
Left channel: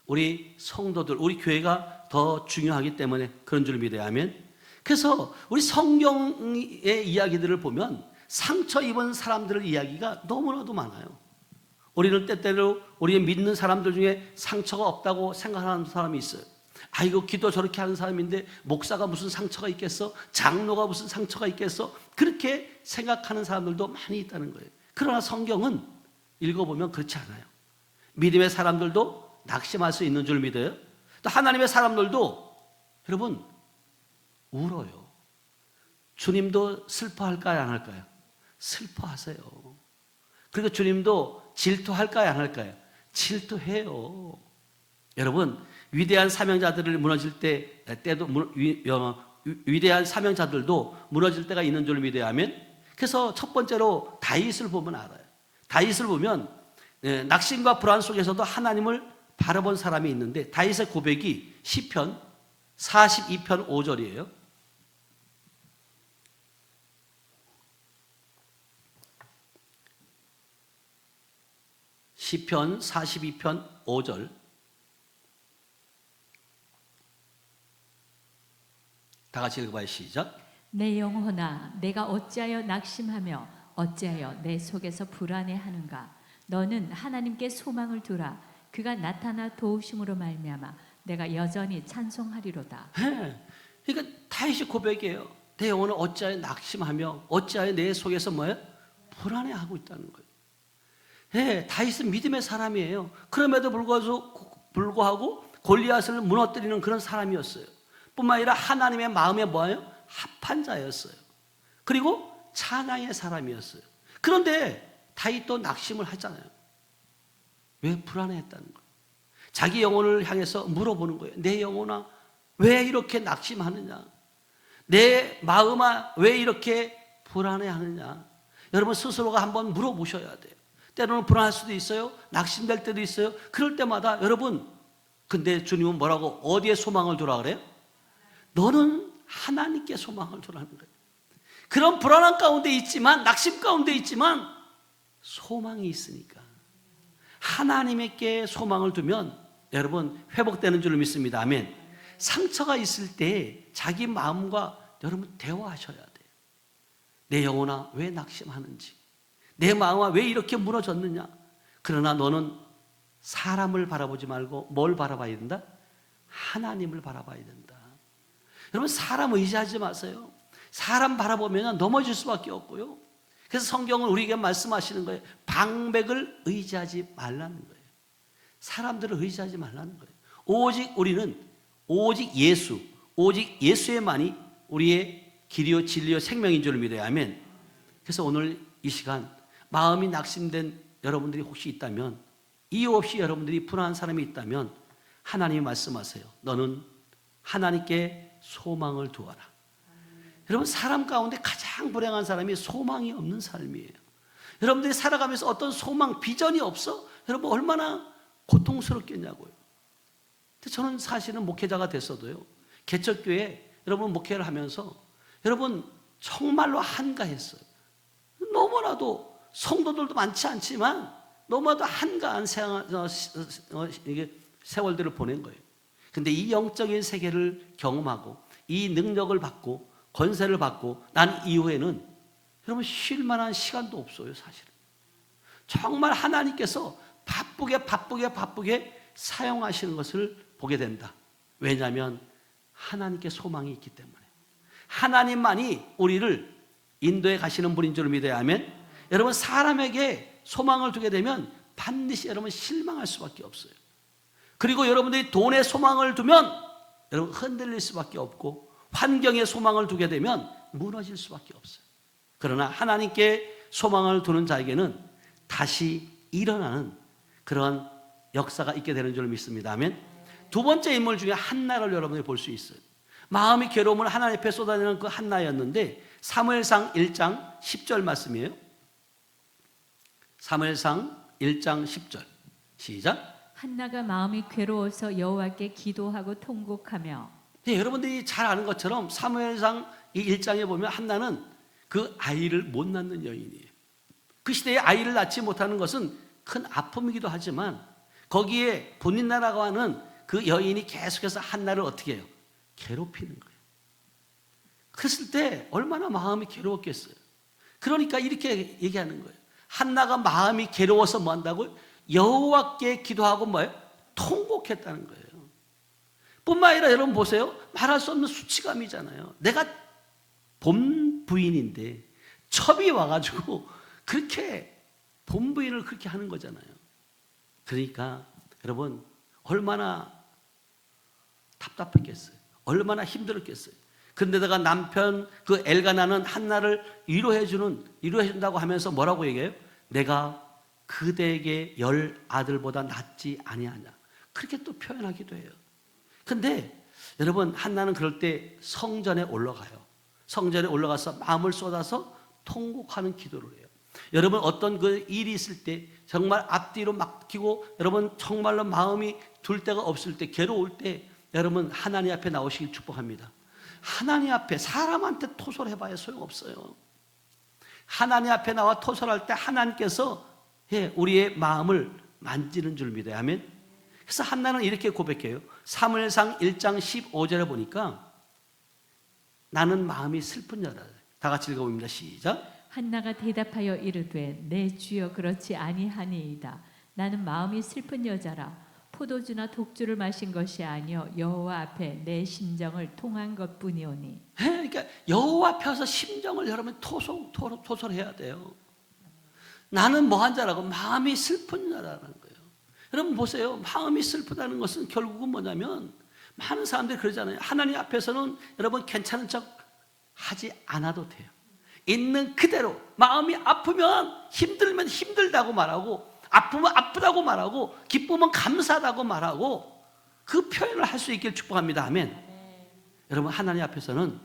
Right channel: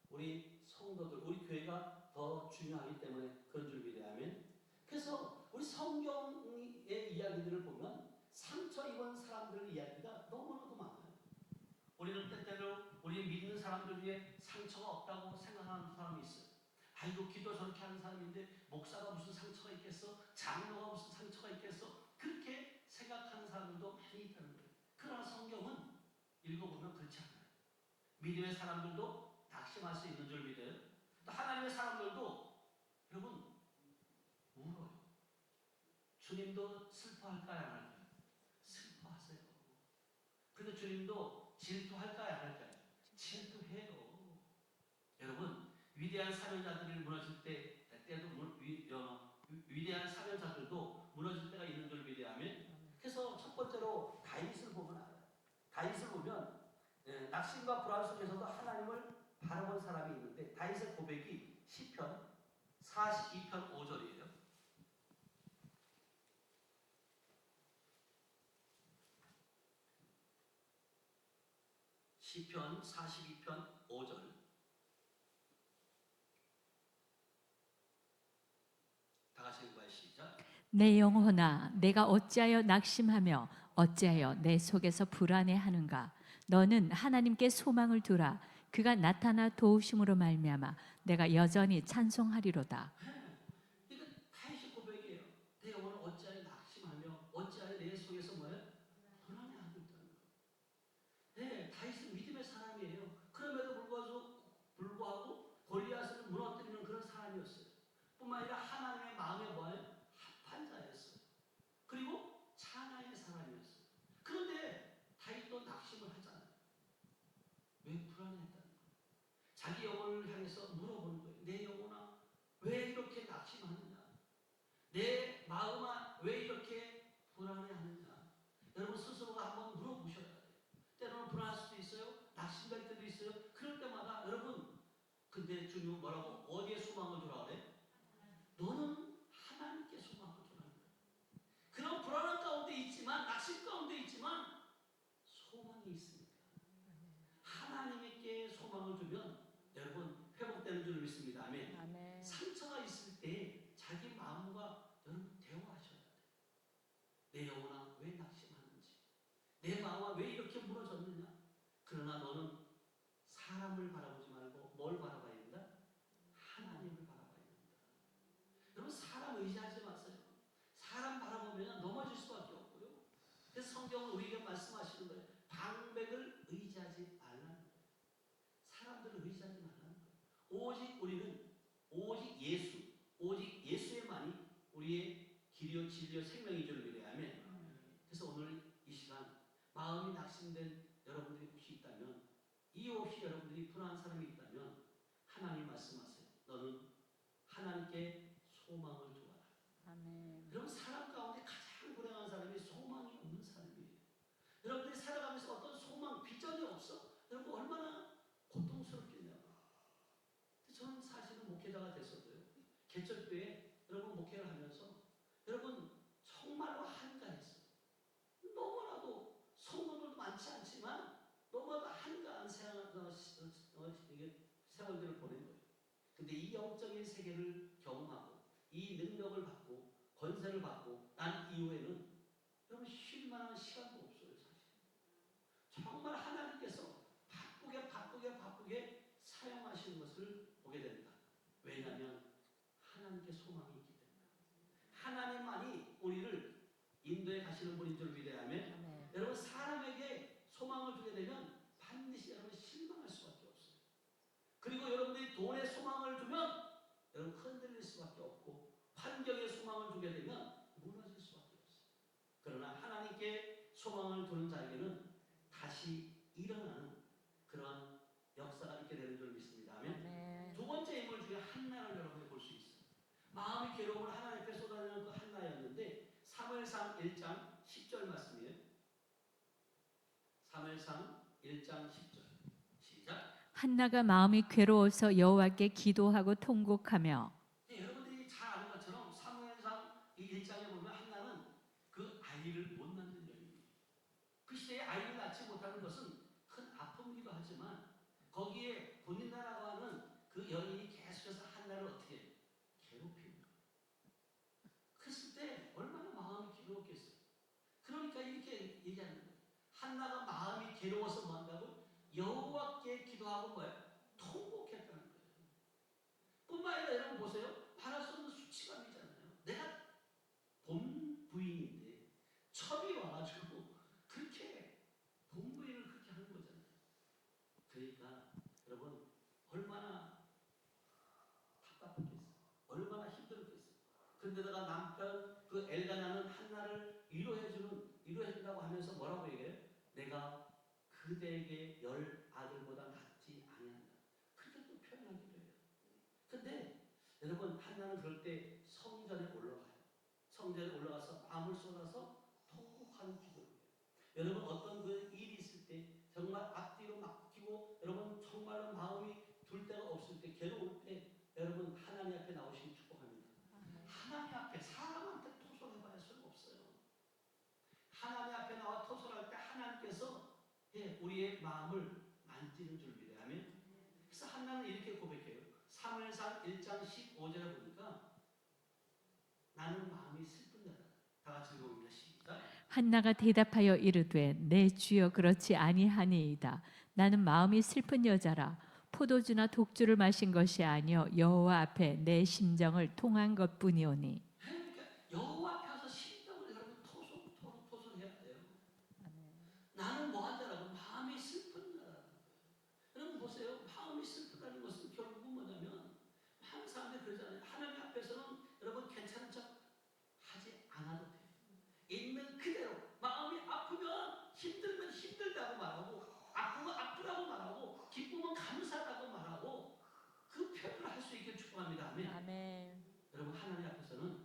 우리 성도들, 우리 교회가 더 중요하기 때문에 그런 줄 믿어야 하면, 그래서 우리 성경의 이야기들을 보면 상처 입은 사람들의 이야기가 너무나도 많아요. 우리는 때때로 우리의 믿는 사람들 중에 상처가 없다고 생각하는 사람이 있어요. 아이고 기도 저렇게 하는 사람인데 목사가 무슨 상처가 있겠어? 장로가 무슨 상처가 있겠어? 그렇게 생각하는 사람들도 많이 있다는 거예요. 그러나 성경은 읽어보면 그렇지 않아요. 믿음의 사람들도 낙심할 수 있는 줄 믿어요. 또 하나님의 사람들도 여러분 울어요. 주님도 슬퍼할까요, 안 할까요? 슬퍼하세요. 그리고 주님도 질투할까요, 안 할까요? 질투해요. 여러분 위대한 사명자들을 무너질 때도 위대한 사명자들도 무너질 때가 있는 줄 믿어야 하면, 그래서 첫 번째로 다윗을 보면 알아요. 다윗을 보면 낙심과 불안 속에서도 하나님을 바라본 사람이 있는데 다윗의 고백이 시편 42편 5절이에요. 시편 42편 5절. 다 같이 읽어봐요. 시작. 내 영혼아, 내가 어찌하여 낙심하며 어찌하여 내 속에서 불안해하는가? 너는 하나님께 소망을 두라. 그가 나타나 도우심으로 말미암아 내가 여전히 찬송하리로다. 그러니까 다윗의 고백이에요. 내 영혼은 어찌하여 낙심하며 어찌하여 내 속에서 뭐예요? 불안해하고 있다는 거예요. 다윗은 믿음의 사람이에요. 그럼에도 불구하고 골리앗을 무너뜨리는 그런 사람이었어요. 뿐만 아니라 하나님의 마음에 뭐예요? 합한 자였어요. 그리고 찬양의 사람이었어요. 그런데 다윗도 낙심을 하잖아요. 왜 불안해했다는 거예요? 자기 영혼을 향해서 물어보는 거예요. 내 영혼아 왜 이렇게 낙심하느냐? 내 마음아 왜 이렇게 불안해하느냐? 여러분 스스로가 한번 물어보셔야 돼요. 때로는 불안할 수도 있어요. 낙심될 때도 있어요. 그럴 때마다 여러분, 근데 주님은 뭐라고 어디에 소망을 두라 그래요? 너는 하나님께 소망을 두라는 거예요. 그런 불안한 가운데 있지만, 낙심 가운데 있지만 소망이 있으니까 하나님께 소망을 두면 여러분 회복되는 줄 믿습니다. 아멘. 상처가 있을 때 자기 마음과 여러분 대화하셔야 돼요. 내 영혼아 왜 낙심하는지, 내 마음아 왜 이렇게 무너졌느냐. 그러나 너는 사람을 바라보지 말고 뭘 바라봐야 된다? 하나님을 바라봐야 된다. 여러분 사람 의지하지 마세요. 사람 바라보면 넘어질 수밖에 없고요. 그래서 성경은 우리에게 말씀하시는 거예요. 방백을 의지하지 말라는 거예요. 사람들을 의지하지 말라는 거예요. 오직 우리는 오직 예수, 오직 예수에만이 우리의 길이요 진리요 생명인 줄 믿어야 하면, 그래서 오늘 이 시간 마음이 낙심된 여러분들이 혹시 있다면, 이유 없이 여러분들이 불안한 사람이 있다면 하나님이 말씀하세요. 너는 하나님께 소망을 두어라. 여러분 사람 가운데 가장 불행한 사람이 소망이 없는 삶이에요. 여러분들이 살아가면서 어떤 소망, 비전이 없어? 여러분 얼마나 고통스럽겠냐고요. 근데 저는 사실은 목회자가 됐어도요, 개척교회 여러분 목회를 하면서 여러분 정말로 한가했어요. 너무나도 성도들도 많지 않지만 너무나도 한가한 세월들을 보낸 거예요. 근데 이 영적인 세계를 경험하고 이 능력을 받고 권세를 받고 난 이후에는 여러분 쉴 만한 시간도 없어요. 사실은 정말 하나님께서 바쁘게 사용하시는 것을 보게 된다. 왜냐하면 하나님께 소망이 있기 때문에. 하나님만이 우리를 인도에 가시는 분인 줄 믿어야 하면, 여러분 사람에게 소망을 두게 되면 반드시 여러분 실망할 수밖에 없어요. 그리고 여러분들이 돈에 소망을 두면 여러분 흔들릴 수밖에 없고, 환경에 소망을 두게 되면 무너질 수밖에 없어요. 그러나 하나님께 소망을 두는 자에게는 다시 일어나는 그런 역사가 있게 되는 줄 믿습니다. 아멘. 두 번째 인물 중에 한나를 여러분이 볼 수 있어요. 마음이 괴로움을 하나님 앞에 쏟아내는 그 한나였는데, 사무엘상 1장 10절 말씀이에요. 사무엘상 1장 10절 시작. 한나가 마음이 괴로워서 여호와께 기도하고 통곡하며. 네, 여러분들이 잘 아는 것처럼 사무엘상 이 1장에 보면 한나는 그 아이를 못 낳는 여인이에요. 그 시대에 아이를 낳지 못하는 것은 큰 아픔이기도 하지만, 거기에 본인 나라가 하는 그 여인이 계속해서 한나를 어떻게 해요? 괴롭히는 거예요. 그랬을 때 얼마나 마음이 괴로웠겠어요. 그러니까 이렇게 얘기하는 거예요. 한나가 마음이 괴로워서 뭐 한다고요? 여호와께 기도하고 뭐예요? 통곡했다는 거예요. 뿐만 아니라 여러분 보세요. 말할 수 없는 수치감이잖아요. 내가 본 부인인데 첩이 와가지고 그렇게 본 부인을 그렇게 하는 거잖아요. 그러니까 여러분 얼마나 답답했겠어요. 얼마나 힘들었겠어요. 그런데다가 남편 그 엘가나는 한나를 위로해준다고 하면서 뭐라고 얘기해요? 내가 그대에게 10아들보다 낫지 아니하냐, 그렇게 또 표현하기도 해요. 근데 여러분 한나는 그럴 때 성전에 올라가요. 성전에 올라가서 마음을 쏟아서 통곡하는 기도를 해요. 여러분 어떤 그 일이 있을 때 정말 앞뒤로 막히고 여러분 정말로 마음이 둘 데가 없을 때, 괴로울 때 여러분 하나님 앞에 나오시길 축복합니다. 하나님 앞에 사람한테 토설해봐야 소용없어요. 하나님 앞에 나와 토설할 때 하나님께서 우리의 마음을 만지는 줄 믿어요. 아멘. 그래서 한나는 이렇게 고백해요. 사무엘상 1장 15절에 보니까 나는 마음이 슬픈 자다. 다 같이 읽어봅니다. 시작. 한나가 대답하여 이르되 내 주여 그렇지 아니하니이다. 나는 마음이 슬픈 여자라. 포도주나 독주를 마신 것이 아니요 여호와 앞에 내 심정을 통한 것뿐이오니. 그러니까 여호와 앞에서 심정을 여러분 토설해야 돼요. 나는 뭐한 자라고? 마음이 슬픈 자라는 거예요. 여러분 보세요. 마음이 슬프다는 것은 결국은 뭐냐면, 많은 사람들이 그러잖아요. 하나님 앞에서는 여러분 괜찮은 척 하지 않아도 돼요. 있는 그대로, 마음이 아프면 힘들면 힘들다고 말하고, 아프면 아프다고 말하고, 기쁘면 감사하다고 말하고, 그 표현을 할 수 있기를 축복합니다. 아멘. 여러분 하나님 앞에서는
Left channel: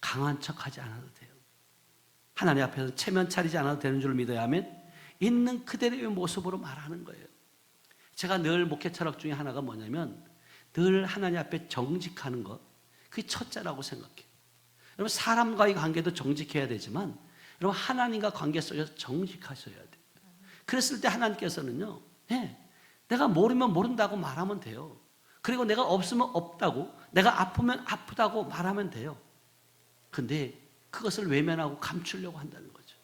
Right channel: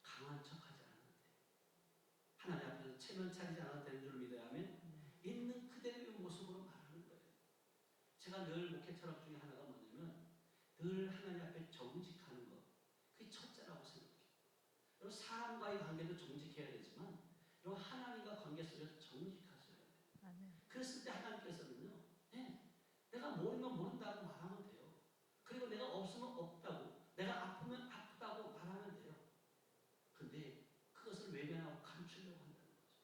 강한 척하지 않아도 돼요. 하나님 앞에서 체면 차리지 않아도 되는 줄 믿어야 하면 있는 그대로의 모습으로 말하는 거예요. 제가 늘 목회 철학 중에 하나가 뭐냐면, 늘 하나님 앞에 정직하는 것, 그게 첫째라고 생각해요. 여러분 사람과의 관계도 정직해야 되지만 여러분 하나님과 관계 속에서 정직하셔야 돼요. 그랬을 때 하나님께서는요, 내가 모르면 모른다고 말하면 돼요. 그리고 내가 없으면 없다고, 내가 아프면 아프다고 말하면 돼요. 근데 그것을 외면하고 감추려고 한다는 거죠.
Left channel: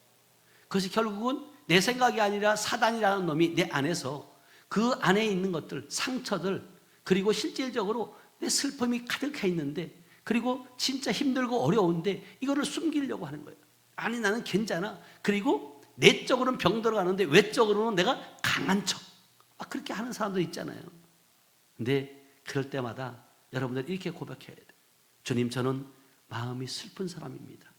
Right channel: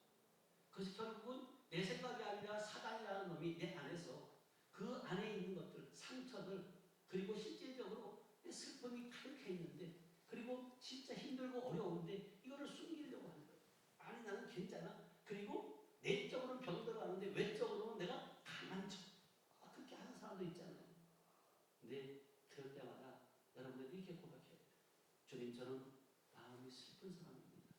그것이 결국은 내 생각이 아니라 사단이라는 놈이 내 안에서 그 안에 있는 것들, 상처들, 그리고 실질적으로 내 슬픔이 가득해 있는데, 그리고 진짜 힘들고 어려운데 이거를 숨기려고 하는 거예요. 아니 나는 괜찮아. 그리고 내적으로는 병 들어가는데 외적으로는 내가 강한 척, 그렇게 하는 사람도 있잖아요. 근데 그럴 때마다 여러분들 이렇게 고백해야 돼요. 주님, 저는 마음이 슬픈 사람입니다.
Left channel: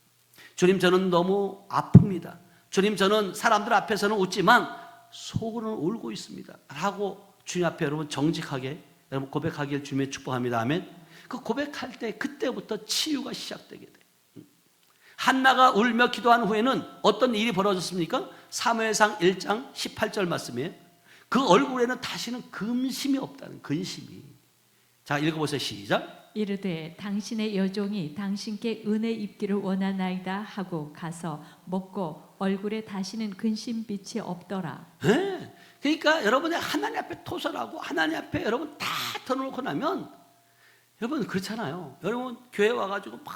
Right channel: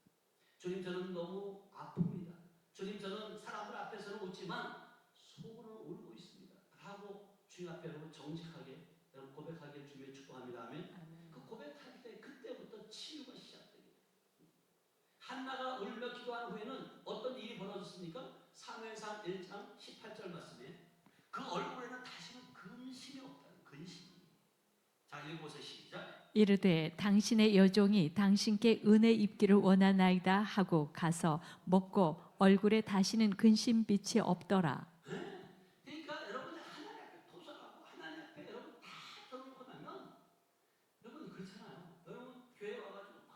주님, 저는 너무 아픕니다. 주님, 저는 사람들 앞에서는 웃지만 속으로는 울고 있습니다 라고 주님 앞에 여러분 정직하게 여러분 고백하기를 주님의 축복합니다. 아멘. 그 고백할 때 그때부터 치유가 시작되게 돼요. 한나가 울며 기도한 후에는 어떤 일이 벌어졌습니까? 사무엘상 1장 18절 말씀이에요. 그 얼굴에는 다시는 근심이 없다는, 근심이. 자, 읽어보세요. 시작. 이르되 당신의 여종이 당신께 은혜 입기를 원하나이다 하고 가서 먹고 얼굴에 다시는 근심빛이 없더라. 네. 그러니까 여러분이 하나님 앞에 토설하고 하나님 앞에 여러분 다 터놓고 나면, 여러분 그렇잖아요. 여러분 교회 와가지고 막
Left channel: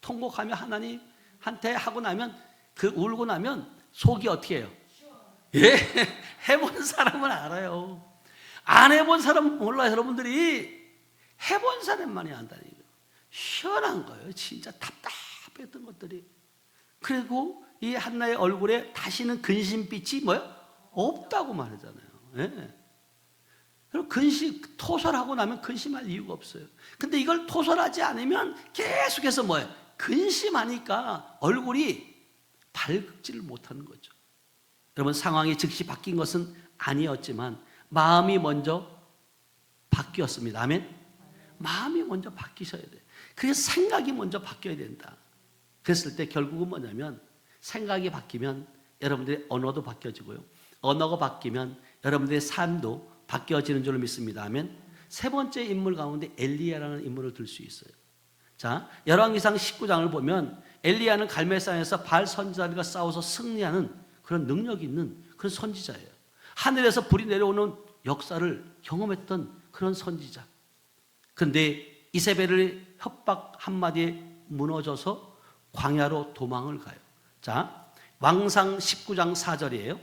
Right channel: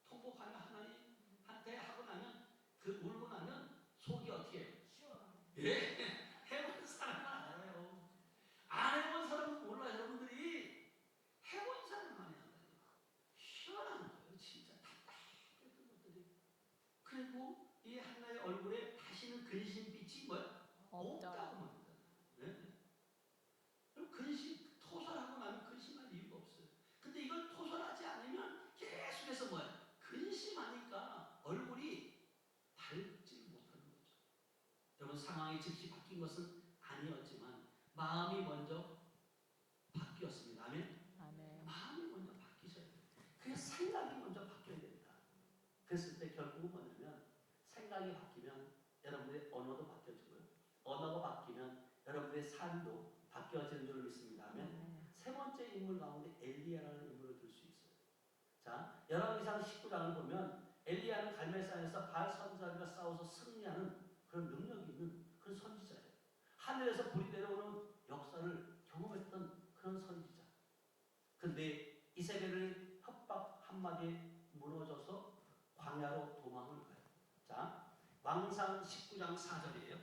통곡하며 하나님한테 하고 나면, 그 울고 나면 속이 어떻게 해요? 예, 해본 사람은 알아요. 안 해본 사람은 몰라요. 여러분들이 해본 사람만이 안다니까. 시원한 거예요. 진짜 답답했던 것들이. 그리고 이 한나의 얼굴에 다시는 근심빛이 뭐야? 없다고 말하잖아요. 예. 그럼 토설하고 나면 근심할 이유가 없어요. 근데 이걸 토설하지 않으면 계속해서 뭐예요? 근심하니까 얼굴이 밝지를 못하는 거죠. 여러분, 상황이 즉시 바뀐 것은 아니었지만 마음이 먼저 바뀌었습니다. 아멘? 마음이 먼저 바뀌셔야 돼요. 그래서 생각이 먼저 바뀌어야 된다. 그랬을 때 결국은 뭐냐면, 생각이 바뀌면 여러분들의 언어도 바뀌어지고요, 언어가 바뀌면 여러분들의 삶도 바뀌어지는 줄로 믿습니다. 아멘? 세 번째 인물 가운데 엘리야라는 인물을 들 수 있어요. 자, 열왕기상 19장을 보면 엘리야는 갈멜산에서 바알 선지자들과 싸워서 승리하는 그런 능력이 있는 그런 선지자예요. 하늘에서 불이 내려오는 역사를 경험했던 그런 선지자. 그런데 이세벨의 협박 한마디에 무너져서 광야로 도망을 가요. 자, 왕상 19장 4절이에요.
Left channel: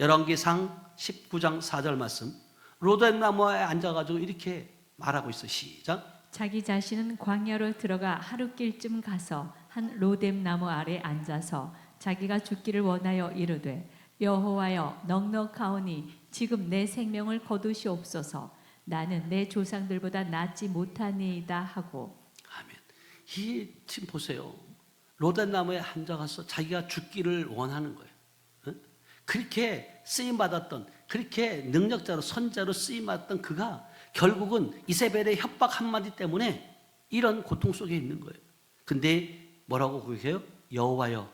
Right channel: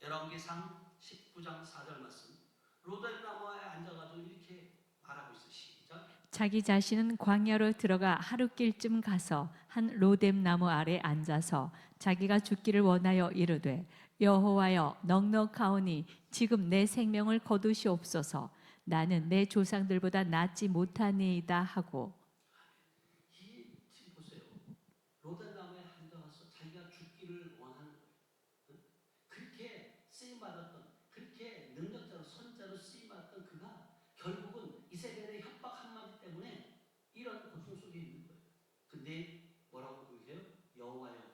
열왕기상 19장 4절 말씀. 로뎀 나무에 앉아가지고 이렇게 말하고 있어. 시작. 자기 자신은 광야로 들어가 하루길쯤 가서 한 로뎀 나무 아래 앉아서 자기가 죽기를 원하여 이르되, 여호와여, 넉넉하오니 지금 내 생명을 거두시옵소서. 나는 내 조상들보다 낫지 못하니이다 하고. 아멘. 이 지금 보세요. 로뎀 나무에 앉아가서 자기가 죽기를 원하는 거예요. 그렇게 쓰임 받았던, 그렇게 능력자로 선자로 쓰임 받았던 그가 결국은 이세벨의 협박 한마디 때문에 이런 고통 속에 있는 거예요. 근데 뭐라고 고백해요? 여호와여,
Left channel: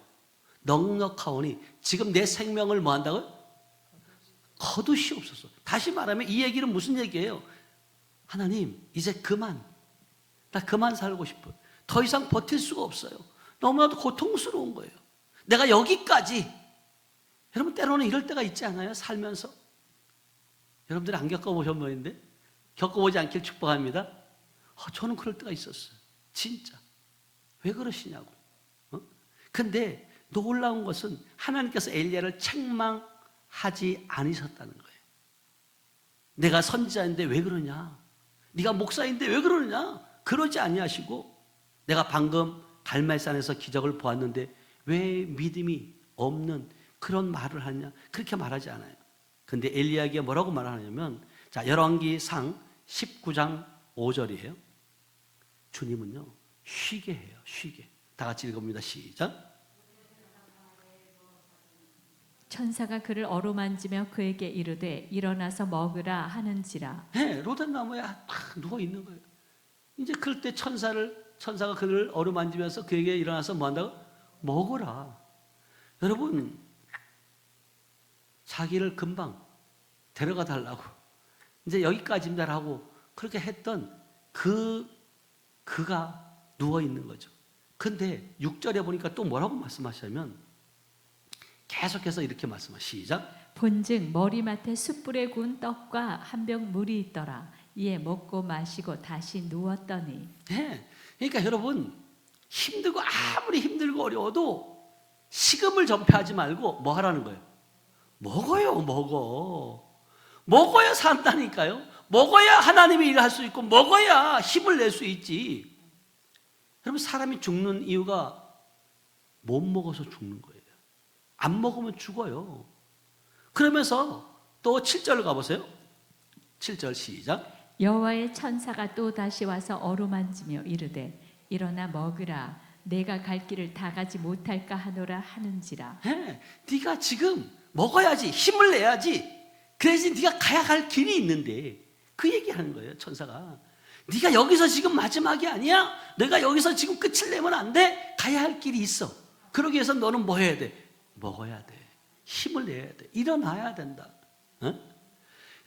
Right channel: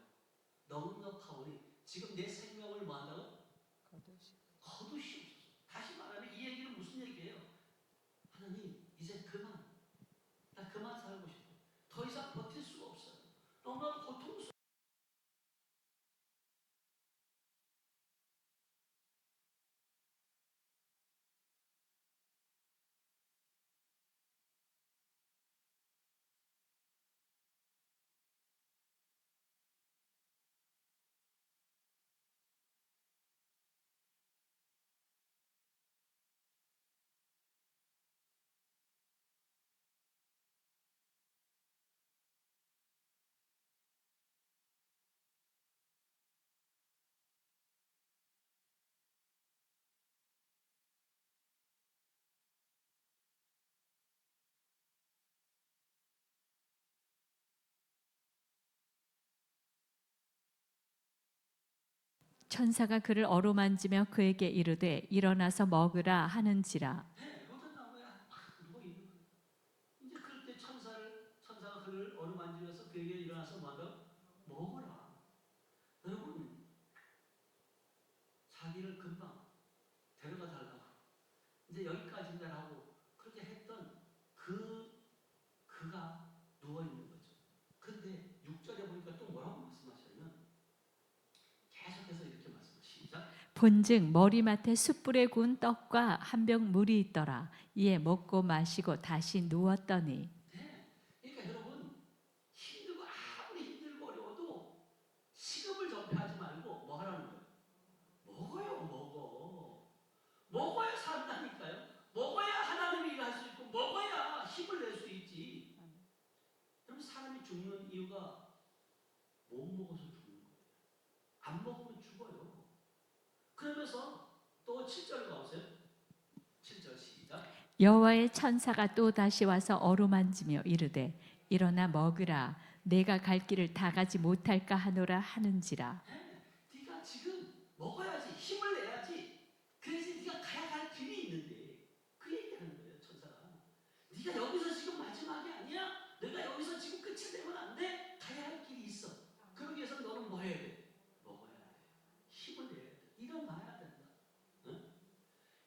넉넉하오니 지금 내 생명을 뭐 한다고요? 거두시옵소서. 다시 말하면 이 얘기는 무슨 얘기예요? 하나님, 이제 그만. 나 그만 살고 싶어요. 더 이상 버틸 수가 없어요. 너무나도 고통스러운 거예요. 내가 여기까지. 여러분, 때로는 이럴 때가 있지 않아요? 살면서. 여러분들이 안 겪어보신 분인데 겪어보지 않길 축복합니다. 저는 그럴 때가 있었어요. 진짜. 왜 그러시냐고. 근데 놀라운 것은 하나님께서 엘리야를 책망하지 않으셨다는 거예요. 내가 선지자인데 왜 그러냐? 네가 목사인데 왜 그러느냐? 그러지 아니하시고, 내가 방금 갈멜산에서 기적을 보았는데 왜 믿음이 없는 그런 말을 하냐? 그렇게 말하지 않아요. 근데 엘리야에게 뭐라고 말하냐면, 자, 열왕기상 19장 5절이에요. 주님은요, 쉬게 해요. 쉬게. 다 같이 읽어봅니다. 시작. 천사가 그를 어루만지며 그에게 이르되 일어나서 먹으라 하는지라. 네, 로뎀 나무에 딱 누워 있는 거예요. 이제 그럴 때 천사가 그를 어루만지면서 그에게 일어나서 뭐 한다고? 먹어라. 여러분, 자기를 금방 데려가 달라고, 이제 여기까지입니다라고 그렇게 했던 그가 누워 있는 거죠. 근데 6절에 보니까 또 뭐라고 말씀하시냐면, 계속해서 이렇게 말씀하시죠. 시작. 본즉 머리맡에 숯불에 구운 떡과 한 병 물이 있더라. 이에 먹고 마시고 다시 누웠더니. 네, 그러니까 여러분, 힘들고 아무리 힘들고 어려워도 식음을 전폐하지 말고 뭐 하라는 거예요? 먹어요. 먹어야 산다니까요. 먹어야 하나님의 일을 할 수 있고, 먹어야 힘을 낼 수 있지. 여러분, 사람이 죽는 이유가 못 먹어서 죽는 거예요. 안 먹으면 죽어요. 그러면서 또 7절 가보세요. 7절 시작. 여호와의 천사가 또 다시 와서 어루만지며 이르되 일어나 먹으라. 내가 갈 길을 다 가지 못할까 하노라 하는지라. 네, 네가 지금 먹어야지, 힘을 내야지. 그래야지 네가 가야 갈 길이 있는데, 그 얘기하는 거예요. 천사가. 네가 여기서 지금 마지막이 아니야. 내가 여기서 지금 끝을 내면 안 돼. 가야 할 길이 있어. 그러기 위해서 너는 뭐 해야 돼? 먹어야 돼. 힘을 내야 돼. 일어나야 된다.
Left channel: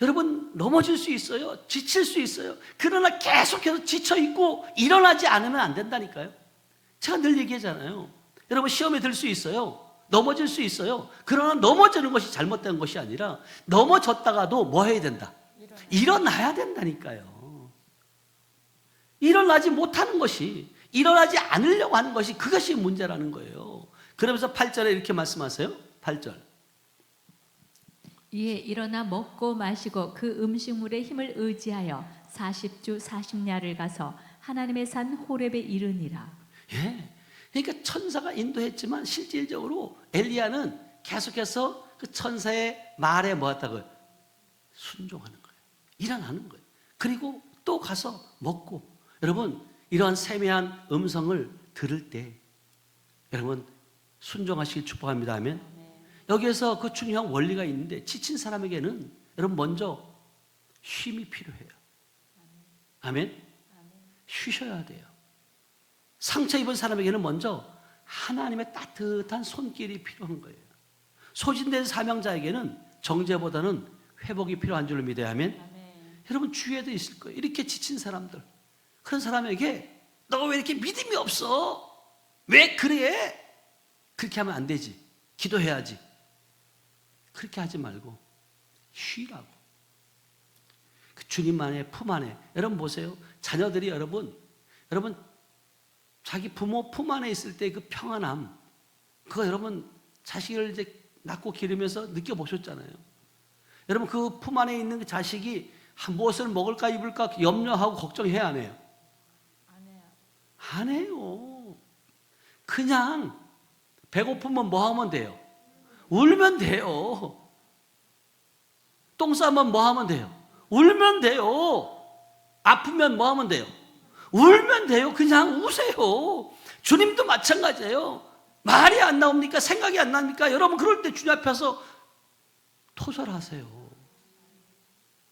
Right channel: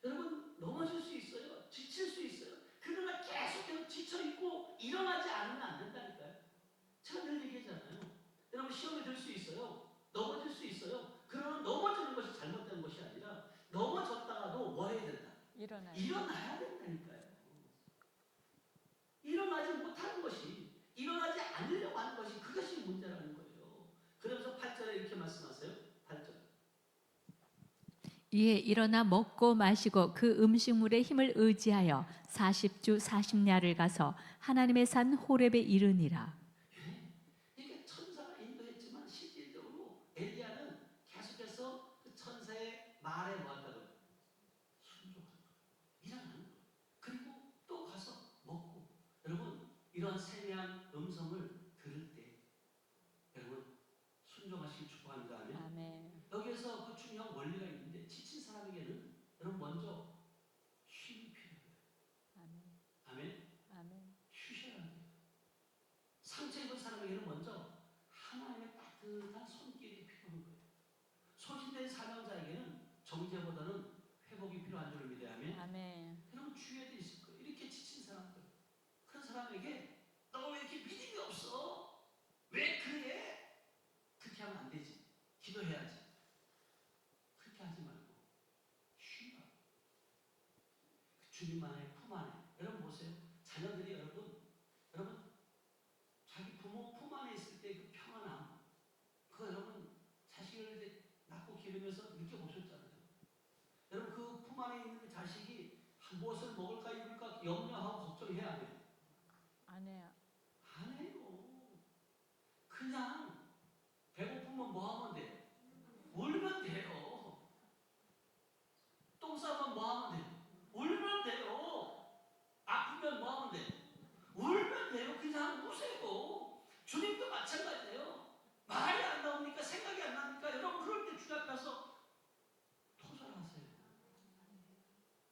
여러분 넘어질 수 있어요. 지칠 수 있어요. 그러나 계속해서 지쳐있고 일어나지 않으면 안 된다니까요. 제가 늘 얘기하잖아요. 여러분 시험에 들 수 있어요. 넘어질 수 있어요. 그러나 넘어지는 것이 잘못된 것이 아니라 넘어졌다가도 뭐 해야 된다? 일어나야 된다니까요. 일어나지 못하는 것이, 일어나지 않으려고 하는 것이, 그것이 문제라는 거예요. 그러면서 8절에 이렇게 말씀하세요. 8절. 이에 일어나 먹고 마시고 그 음식물의 힘을 의지하여 40주 40야를 가서 하나님의 산 호렙에 이르니라. 예. 그러니까 천사가 인도했지만 실질적으로 엘리야는 계속해서 그 천사의 말에 뭐 했다고요? 순종하는 거예요. 일어나는 거예요. 그리고 또 가서 먹고. 여러분 이러한 세미한 음성을 들을 때 여러분 순종하시길 축복합니다. 아멘. 여기에서 그 중요한 원리가 있는데 지친 사람에게는 여러분 먼저 쉼이 필요해요. 아멘. 쉬셔야 돼요. 상처 입은 사람에게는 먼저 하나님의 따뜻한 손길이 필요한 거예요. 소진된 사명자에게는 정죄보다는 회복이 필요한 줄을 믿어야 하면 여러분 주위에도 있을 거예요. 이렇게 지친 사람들, 그런 사람에게 너 왜 이렇게 믿음이 없어? 왜 그래? 그렇게 하면 안 되지. 기도해야지. 그렇게 하지 말고 쉬라고. 그 주님만의 품 안에. 여러분 보세요. 자녀들이 여러분 자기 부모 품 안에 있을 때 그 평안함, 그거 여러분 자식을 이제 낳고 기르면서 느껴보셨잖아요. 여러분 그 품 안에 있는 그 자식이 무엇을 먹을까 입을까 염려하고 걱정해야 안 해요? 안 해요. 그냥 배고프면 뭐 하면 돼요? 울면 돼요. 똥 싸면 뭐 하면 돼요? 울면 돼요. 아프면 뭐 하면 돼요? 울면 돼요. 그냥 우세요. 주님도 마찬가지예요. 말이 안 나옵니까? 생각이 안 납니까? 여러분 그럴 때 주님 앞에서 토설하세요.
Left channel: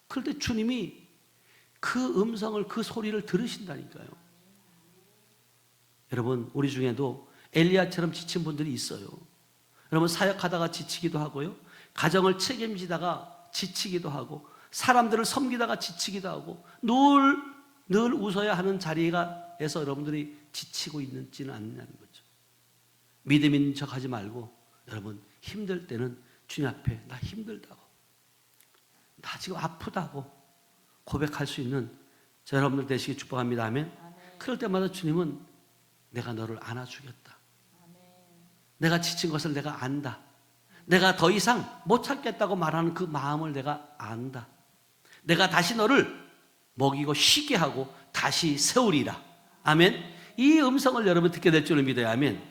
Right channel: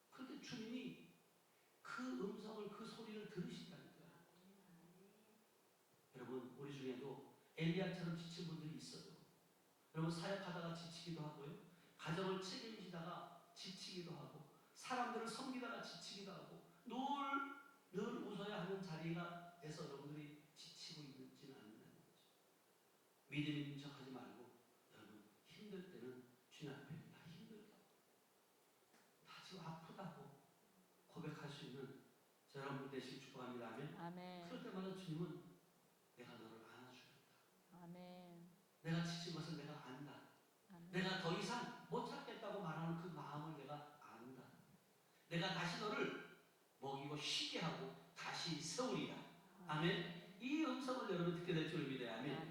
그럴 때 주님이 그 음성을, 그 소리를 들으신다니까요. 여러분 우리 중에도 엘리야처럼 지친 분들이 있어요. 여러분 사역하다가 지치기도 하고요. 가정을 책임지다가 지치기도 하고 사람들을 섬기다가 지치기도 하고 늘 웃어야 하는 자리에서 여러분들이 지치고 있는지는 않느냐는 거죠. 믿음 있는 척 하지 말고 여러분 힘들 때는 주님 앞에 나 힘들다고, 나 지금 아프다고 고백할 수 있는 저 여러분들 되시기 축복합니다. 아멘. 그럴 때마다 주님은 내가 너를 안아주겠다. 내가 지친 것을 내가 안다. 내가 더 이상 못 참겠다고 말하는 그 마음을 내가 안다. 내가 다시 너를 먹이고 쉬게 하고 다시 세우리라. 아멘. 이 음성을 여러분 듣게 될 줄을 믿어요. 아멘.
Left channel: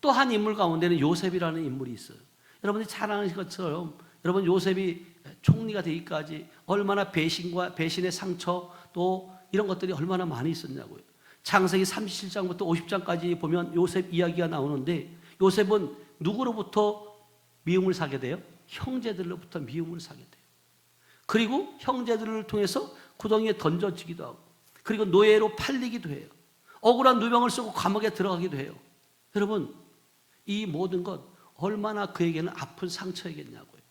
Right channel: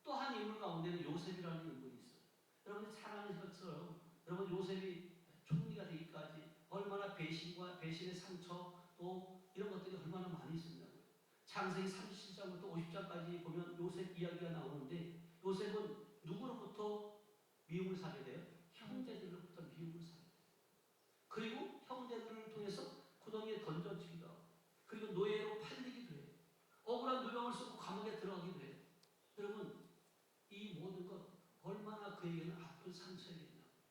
또 한 인물 가운데는 요셉이라는 인물이 있어요. 여러분이 잘 아는 것처럼 여러분 요셉이 총리가 되기까지 얼마나 배신과 배신의 상처 또 이런 것들이 얼마나 많이 있었냐고요. 창세기 37장부터 50장까지 보면 요셉 이야기가 나오는데 요셉은 누구로부터 미움을 사게 돼요? 형제들로부터 미움을 사게 돼요. 그리고 형제들을 통해서 구덩이에 던져지기도 하고 그리고 노예로 팔리기도 해요. 억울한 누명을 쓰고 감옥에 들어가기도 해요. 여러분 이 모든 것 얼마나 그에게는 아픈 상처이겠냐고요.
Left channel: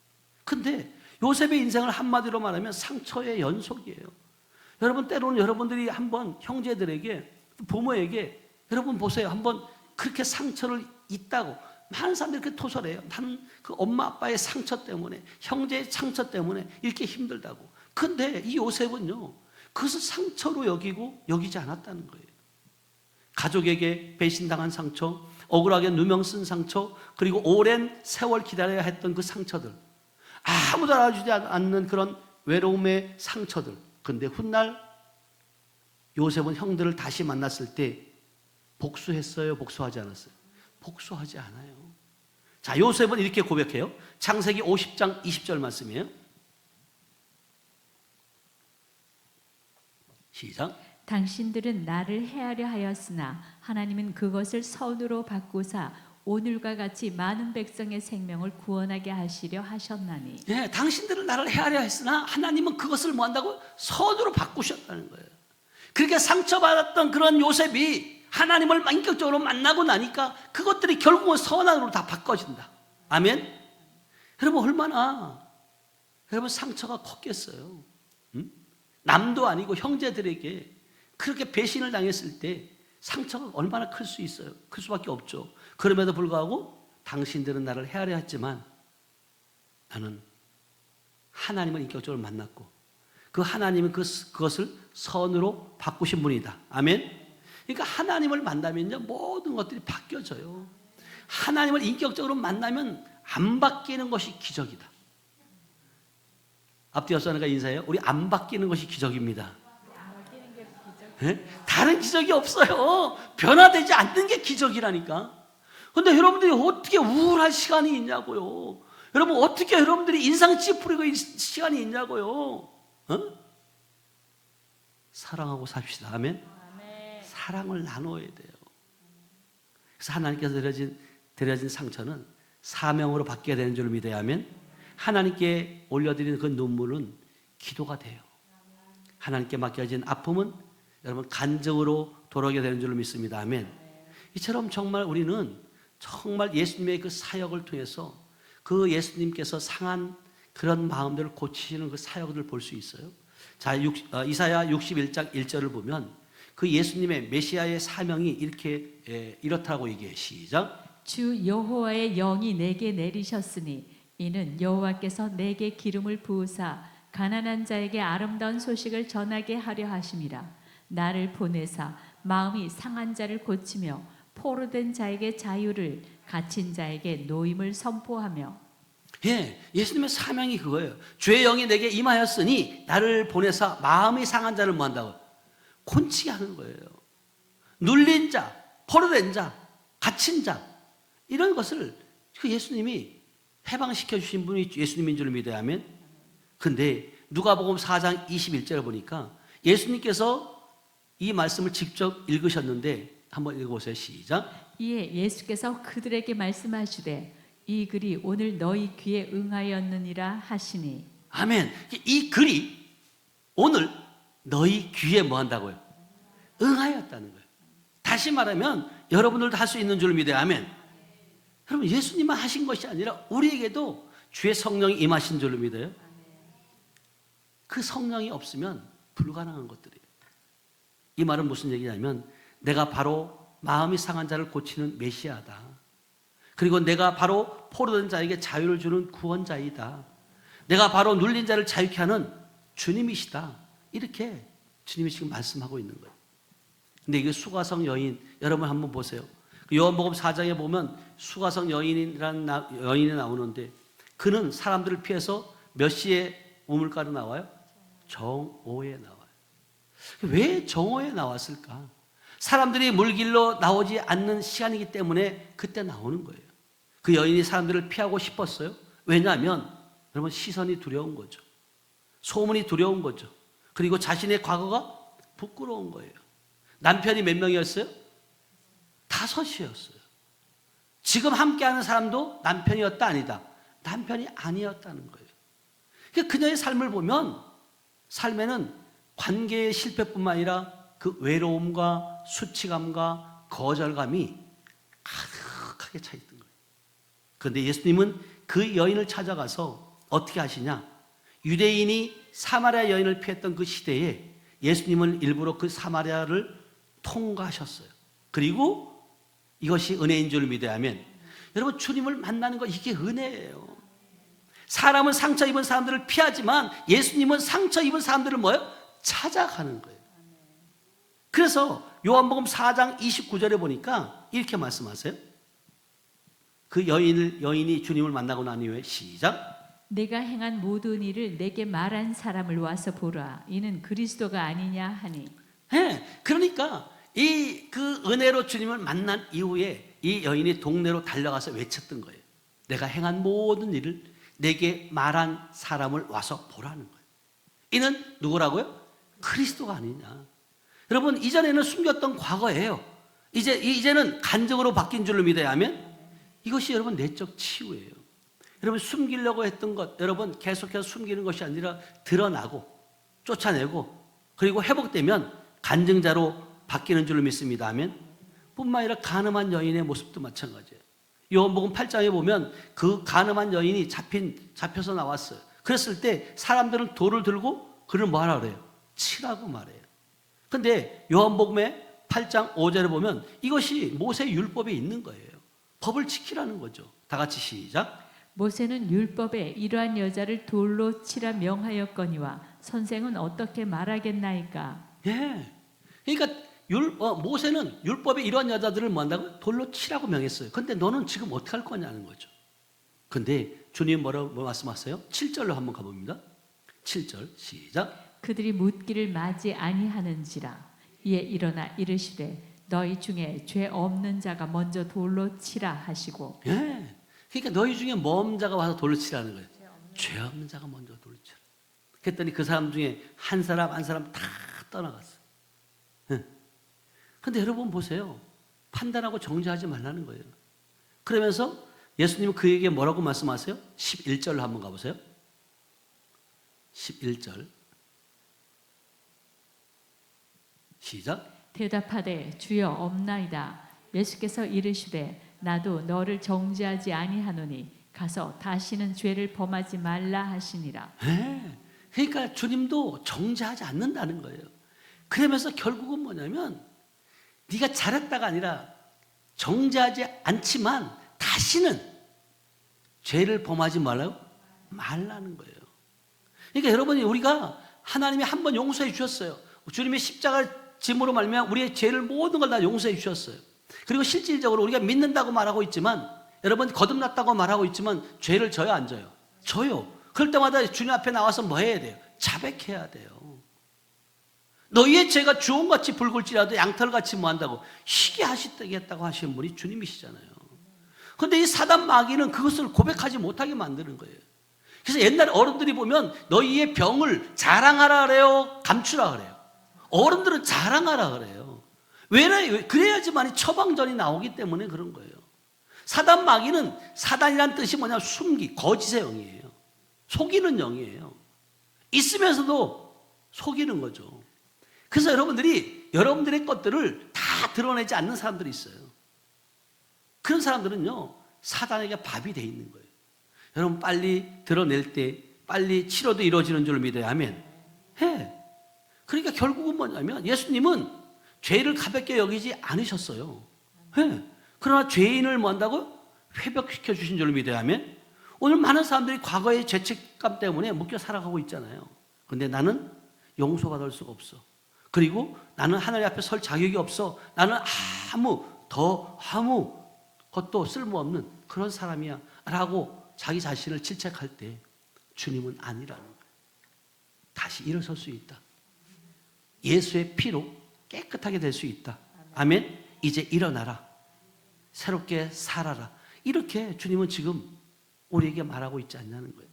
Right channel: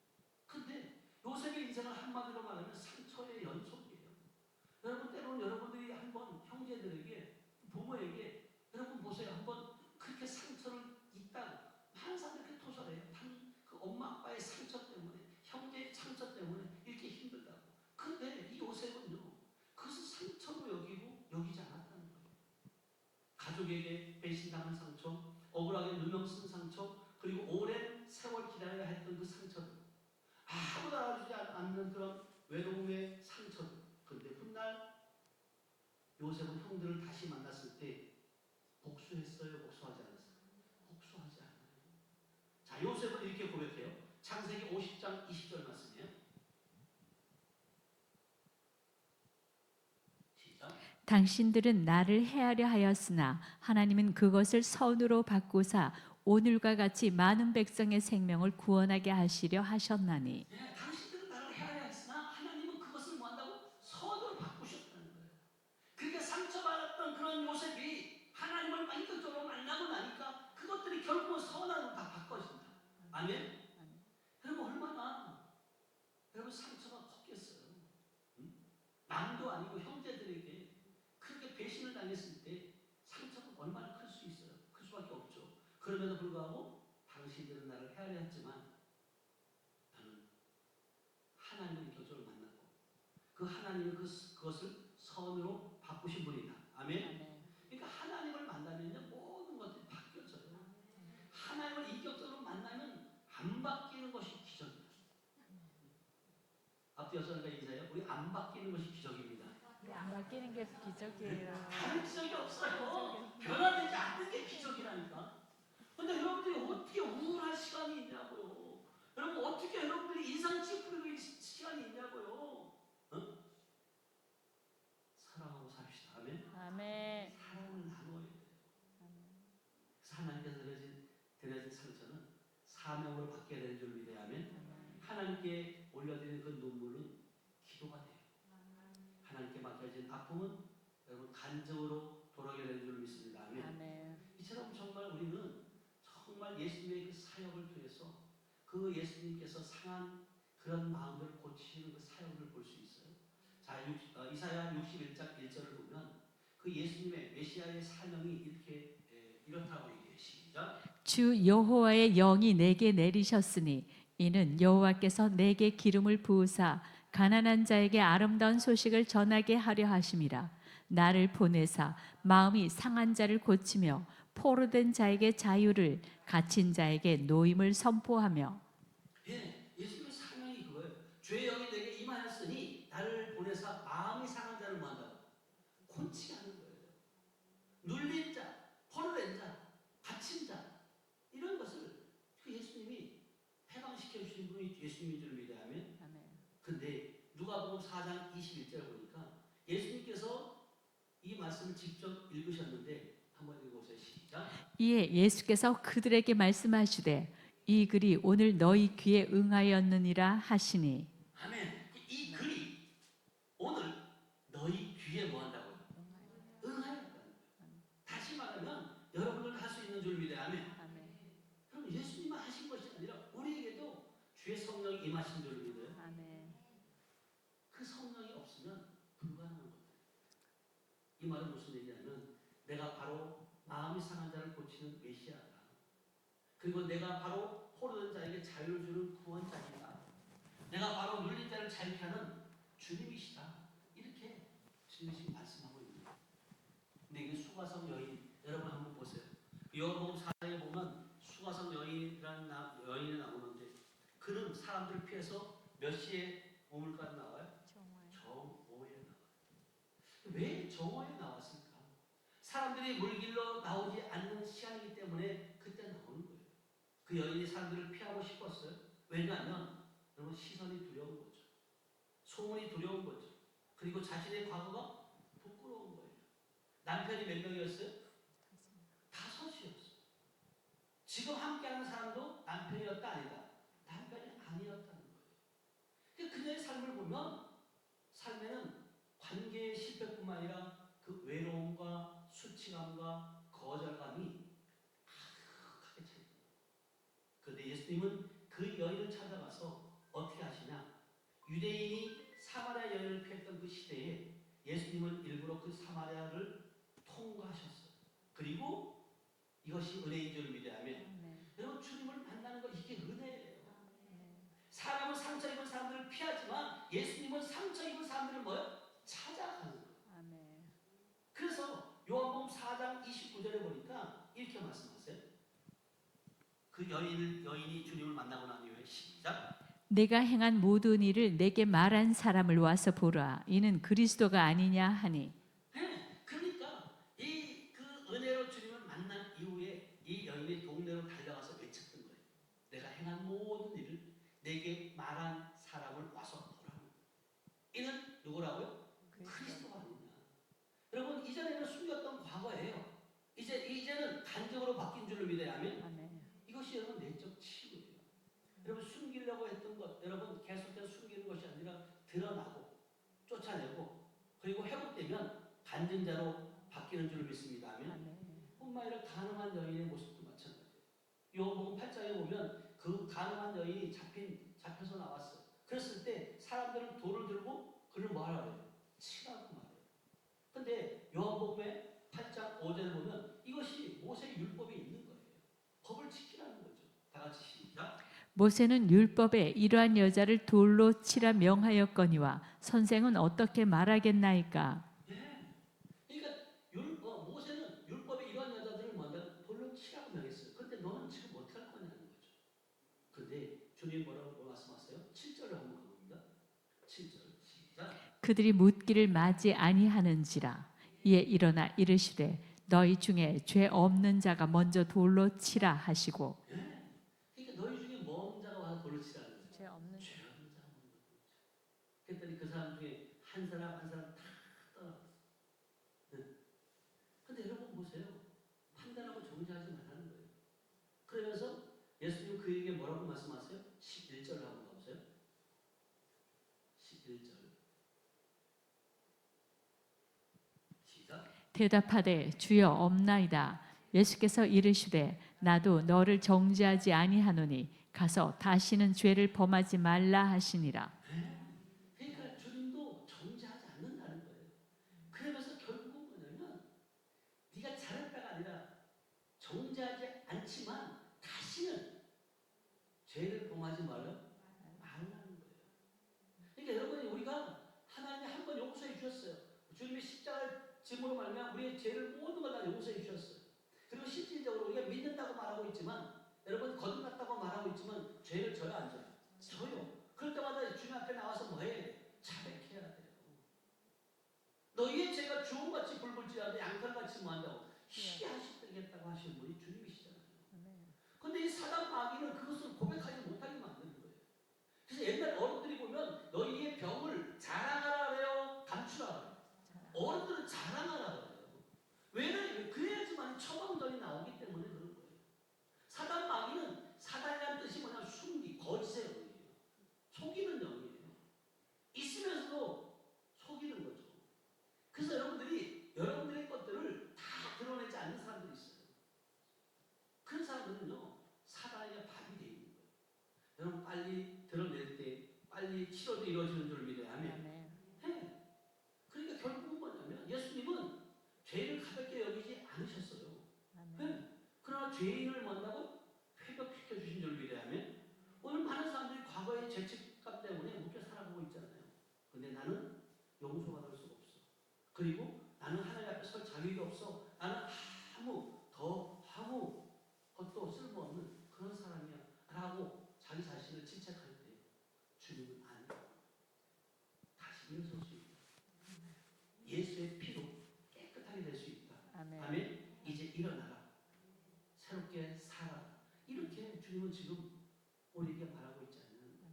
근데 요셉의 인생을 한마디로 말하면 상처의 연속이에요. 여러분 때로는 여러분들이 한번 형제들에게 부모에게 여러분 보세요. 한번 그렇게 상처를 있다고 많은 사람들이 그렇게 토설해요. 나는 그 엄마 아빠의 상처 때문에 형제의 상처 때문에 이렇게 힘들다고. 근데 이 요셉은요 그것을 상처로 여기지 않았다는 거예요. 가족에게 배신당한 상처, 억울하게 누명 쓴 상처, 그리고 오랜 세월 기다려야 했던 그 상처들, 아무도 알아주지 않는 그런 외로움의 상처들. 근데 훗날 요셉은 형들을 다시 만났을 때 복수했어요? 복수하지 않았어요? 복수하지 않아요. 자, 요셉은 이렇게 고백해요. 창세기 50장 20절 말씀이에요. 시작. 당신들은 나를 해하려 하였으나 하나님은 그것을 선으로 바꾸사 오늘과 같이 많은 백성의 생명을 구원하게 하시려 하셨나니. 네, 당신들은 나를 해하려 했으나 하나님은 그것을 뭐 한다고? 선으로 바꾸셨다는 거예요. 그렇게 상처받았던 그런 요셉이 하나님을 인격적으로 만나고 나니까 그것들이 결국은 선한으로 다 바꿔진다. 아멘? 여러분 얼마나 여러분 상처가 컸겠어요. 남도 아니고 형제들에게 그렇게 배신을 당했을 때 상처가 얼마나 클 수 있어요. 클 수밖에 없죠. 그럼에도 불구하고 당신들은 나를 헤아려 했지만 나는 하나님을 인격적으로 만났고 그 하나님은 그것을 선으로 바꾸신 분이다. 아멘? 그러니까 하나님을 만나면요 모든 것들이 바뀌어져요. 하나님을 인격적으로 만나면 안 바뀌는 것이 기적이다. 앞뒤 옆사람과 인사해요. 우리 안 바뀌는 것이 기적입니다. 안 바뀌는 게 기적. 네? 다른 기적이 없어요. 변화되지 않는 게 기적이라니까. 근데 여러분들이 어떻게 우울할 시간이 있냐고요. 여러분 어떻게 여러분들이 인상 찌푸리고 있는 시간이 있냐고요. 어? 사랑하고 삽시다. 아멘. 아멘. 사랑을 나눠야 돼요. 그래서 하나님께서 드려진 상처는 사명으로 바뀌어야 되는 줄 믿어야 하면 하나님께 올려드리는 그 눈물은 기도가 돼요. 하나님께 맡겨진 아픔은 여러분 간증으로 돌아오게 되는 줄 믿습니다. 아멘. 이처럼 정말 우리는 정말 예수님의 그 사역을 통해서 그 예수님께서 상한 그런 마음들을 고치시는 그 사역을 볼 수 있어요. 자, 이사야 61장 1절을 보면 그 예수님의 메시아의 사명이 이렇다고 얘기해요. 시작. 주 여호와의 영이 내게 내리셨으니 이는 여호와께서 내게 기름을 부으사 가난한 자에게 아름다운 소식을 전하게 하려 하심이라. 나를 보내사 마음이 상한 자를 고치며 포로된 자에게 자유를, 갇힌 자에게 노임을 선포하며. 예, 예수님의 사명이 그거예요. 주의 영이 내게 임하였으니 나를 보내사 마음이 상한 자를 뭐 한다고? 곤치게 하는 거예요. 눌린 자, 포로된 자, 갇힌 자 이런 것을 그 예수님이 해방시켜 주신 분이 예수님인 줄 믿어야 하면. 근데 누가복음 4장 21절을 보니까 예수님께서 이 말씀을 직접 읽으셨는데 한번 읽어보세요. 시작. 이에 예수께서 그들에게 말씀하시되 이 글이 오늘 너희 귀에 응하였느니라 하시니. 아멘. 이 글이 오늘 너희 귀에 뭐 한다고요? 응하였다는 거예요. 다시 말하면 여러분들도 할 수 있는 줄 믿어요. 아멘. 여러분 예수님만 하신 것이 아니라 우리에게도 주의 성령이 임하신 줄로 믿어요. 그 성령이 없으면 불가능한 것들이에요. 이 말은 무슨 얘기냐면 내가 바로 마음이 상한 자를 고치는 메시아다. 그리고 내가 바로 포로된 자에게 자유를 주는 구원자이다. 내가 바로 눌린 자를 자유케 하는 주님이시다. 이렇게 주님이 지금 말씀하고 있는 거예요. 근데 이게 수가성 여인, 여러분 한번 보세요. 요한복음 4장에 보면 수가성 여인이라는 여인이 나오는데 그는 사람들을 피해서 몇 시에 우물가로 나와요? 정오에 나와요. 왜 정오에 나왔을까? 사람들이 물길로 나오지 않는 시간이기 때문에 그때 나오는 거예요. 그 여인이 사람들을 피하고 싶었어요. 왜냐하면 여러분 시선이 두려운 거죠. 소문이 두려운 거죠. 그리고 자신의 과거가 부끄러운 거예요. 남편이 몇 명이었어요? 5이었어요. 지금 함께하는 사람도 남편이었다 아니다? 남편이 아니었다는 거예요. 그러니까 그녀의 삶을 보면 삶에는 관계의 실패뿐만 아니라 그 외로움과 수치감과 거절감이 가득하게 차 있던 거예요. 그런데 예수님은 그 여인을 찾아가서 어떻게 하시냐? 유대인이 사마리아 여인을 피했던 그 시대에 예수님은 일부러 그 사마리아를 통과하셨어요. 그리고 이것이 은혜인 줄 믿어야 하면 여러분 주님을 만나는 거 이게 은혜예요. 사람은 상처 입은 사람들을 피하지만 예수님은 상처 입은 사람들을 뭐예요? 찾아가는 거예요. 그래서 요한복음 4장 29절에 보니까 이렇게 말씀하세요. 그 여인이 주님을 만나고 난 이후에 시작. 내가 행한 모든 일을 내게 말한 사람을 와서 보라. 이는 그리스도가 아니냐 하니. 네, 그러니까 이 그 은혜로 주님을 만난 이후에 이 여인이 동네로 달려가서 외쳤던 거예요. 내가 행한 모든 일을 내게 말한 사람을 와서 보라는 거예요. 이는 누구라고요? 그리스도가 아니냐. 여러분 이전에는 숨겼던 과거예요. 이제는 간증으로 바뀐 줄로 믿어야 하면 이것이 여러분 내적 치유예요. 여러분 숨기려고 했던 것 여러분 계속해서 숨기는 것이 아니라 드러나고 쫓아내고 그리고 회복되면 간증자로 바뀌는 줄 믿습니다. 아멘. 뿐만 아니라 가늠한 여인의 모습도 마찬가지예요. 요한복음 8장에 보면 그 가늠한 여인이 잡혀서 나왔어요. 그랬을 때 사람들은 돌을 들고 그를 뭐 하라 그래요? 치라고 말해요. 근데 요한복음의 8장 5절에 보면 이것이 모세 율법에 있는 거예요. 법을 지키라는 거죠. 다 같이 시작. 모세는 율법에 이러한 여자를 돌로 치라 명하였거니와 선생은 어떻게 말하겠나이까. 예. 그러니까 모세는 율법에 이러한 여자들을 뭐 한다고? 돌로 치라고 명했어요. 근데 너는 지금 어떻게 할 거냐는 거죠. 근데 주님 뭐라고 말씀하세요? 7절로 한번 가봅니다. 7절 시작. 그들이 묻기를 맞이 아니하는지라. 이에 일어나 이르시되 너희 중에 죄 없는 자가 먼저 돌로 치라 하시고. 예. 그러니까 너희 중에 먼 자가 와서 돌로 치라는 거예요. 죄 없는 자가 먼저 돌로 치라. 그랬더니 그 사람 중에 한 사람 다 떠나갔어요. 근데 여러분 보세요. 판단하고 정죄하지 말라는 거예요. 그러면서 예수님은 그에게 뭐라고 말씀하세요? 11절로 한번 가보세요. 11절 시작. 대답하되 주여 없나이다. 예수께서 이르시되 나도 너를 정죄하지 아니하노니 가서 다시는 죄를 범하지 말라 하시니라. 네. 그러니까 주님도 정죄하지 않는다는 거예요. 그러면서 결국은 뭐냐면 네가 잘했다가 아니라 정죄하지 않지만 다시는 죄를 범하지 말라는 거예요. 그러니까 여러분이 우리가 하나님이 한 번 용서해 주셨어요. 주님의 십자가 짐으로 말미암아 우리의 죄를 모든 걸 다 용서해 주셨어요. 그리고 실질적으로 우리가 믿는다고 말하고 있지만 여러분 거듭났다고 말하고 있지만 죄를 져요 안 져요? 져요. 그럴 때마다 주님 앞에 나와서 뭐 해야 돼요? 자백해야 돼요. 너희의 죄가 주홍같이 붉을지라도 양털같이 뭐 한다고 희게 하시겠다고 하시는 분이 주님이시잖아요. 그런데 이 사단 마귀는 그것을 고백하지 못하게 만드는 거예요. 그래서 옛날 어른들이 보면 너희의 병을 자랑하라 그래요? 감추라 그래요? 어른들은 자랑하라 그래요. 왜? 그래야지만 처방전이 나오기 때문에 그런 거예요. 사단 마귀는 사단이란 뜻이 뭐냐? 숨기, 거짓의 영이에요. 속이는 영이에요. 있으면서도 속이는 거죠. 그래서 여러분들의 것들을 다 드러내지 않는 사람들이 있어요. 그런 사람들은요, 사단에게 밥이 돼 있는 거예요. 여러분 빨리 드러낼 때 빨리 치료도 이루어지는 줄 믿어요. 아멘. 해. 그러니까 결국은 뭐냐면 예수님은 죄를 가볍게 여기지 않으셨어요. 해. 그러나 죄인을 뭐 한다고? 회복시켜 주신 줄 믿어야 하면 오늘 많은 사람들이 과거의 죄책감 때문에 묶여 살아가고 있잖아요. 그런데 나는 용서받을 수가 없어. 그리고 나는 하나님 앞에 설 자격이 없어. 나는 아무 것도 쓸모없는 그런 사람이야 라고 자기 자신을 질책할 때 주님은 아니라는 거예요. 다시 일어설 수 있다. 예수의 피로 깨끗하게 될 수 있다. 아멘. 이제 일어나라. 새롭게 살아라. 이렇게 주님은 지금 우리에게 말하고 있지 않냐는 거예요.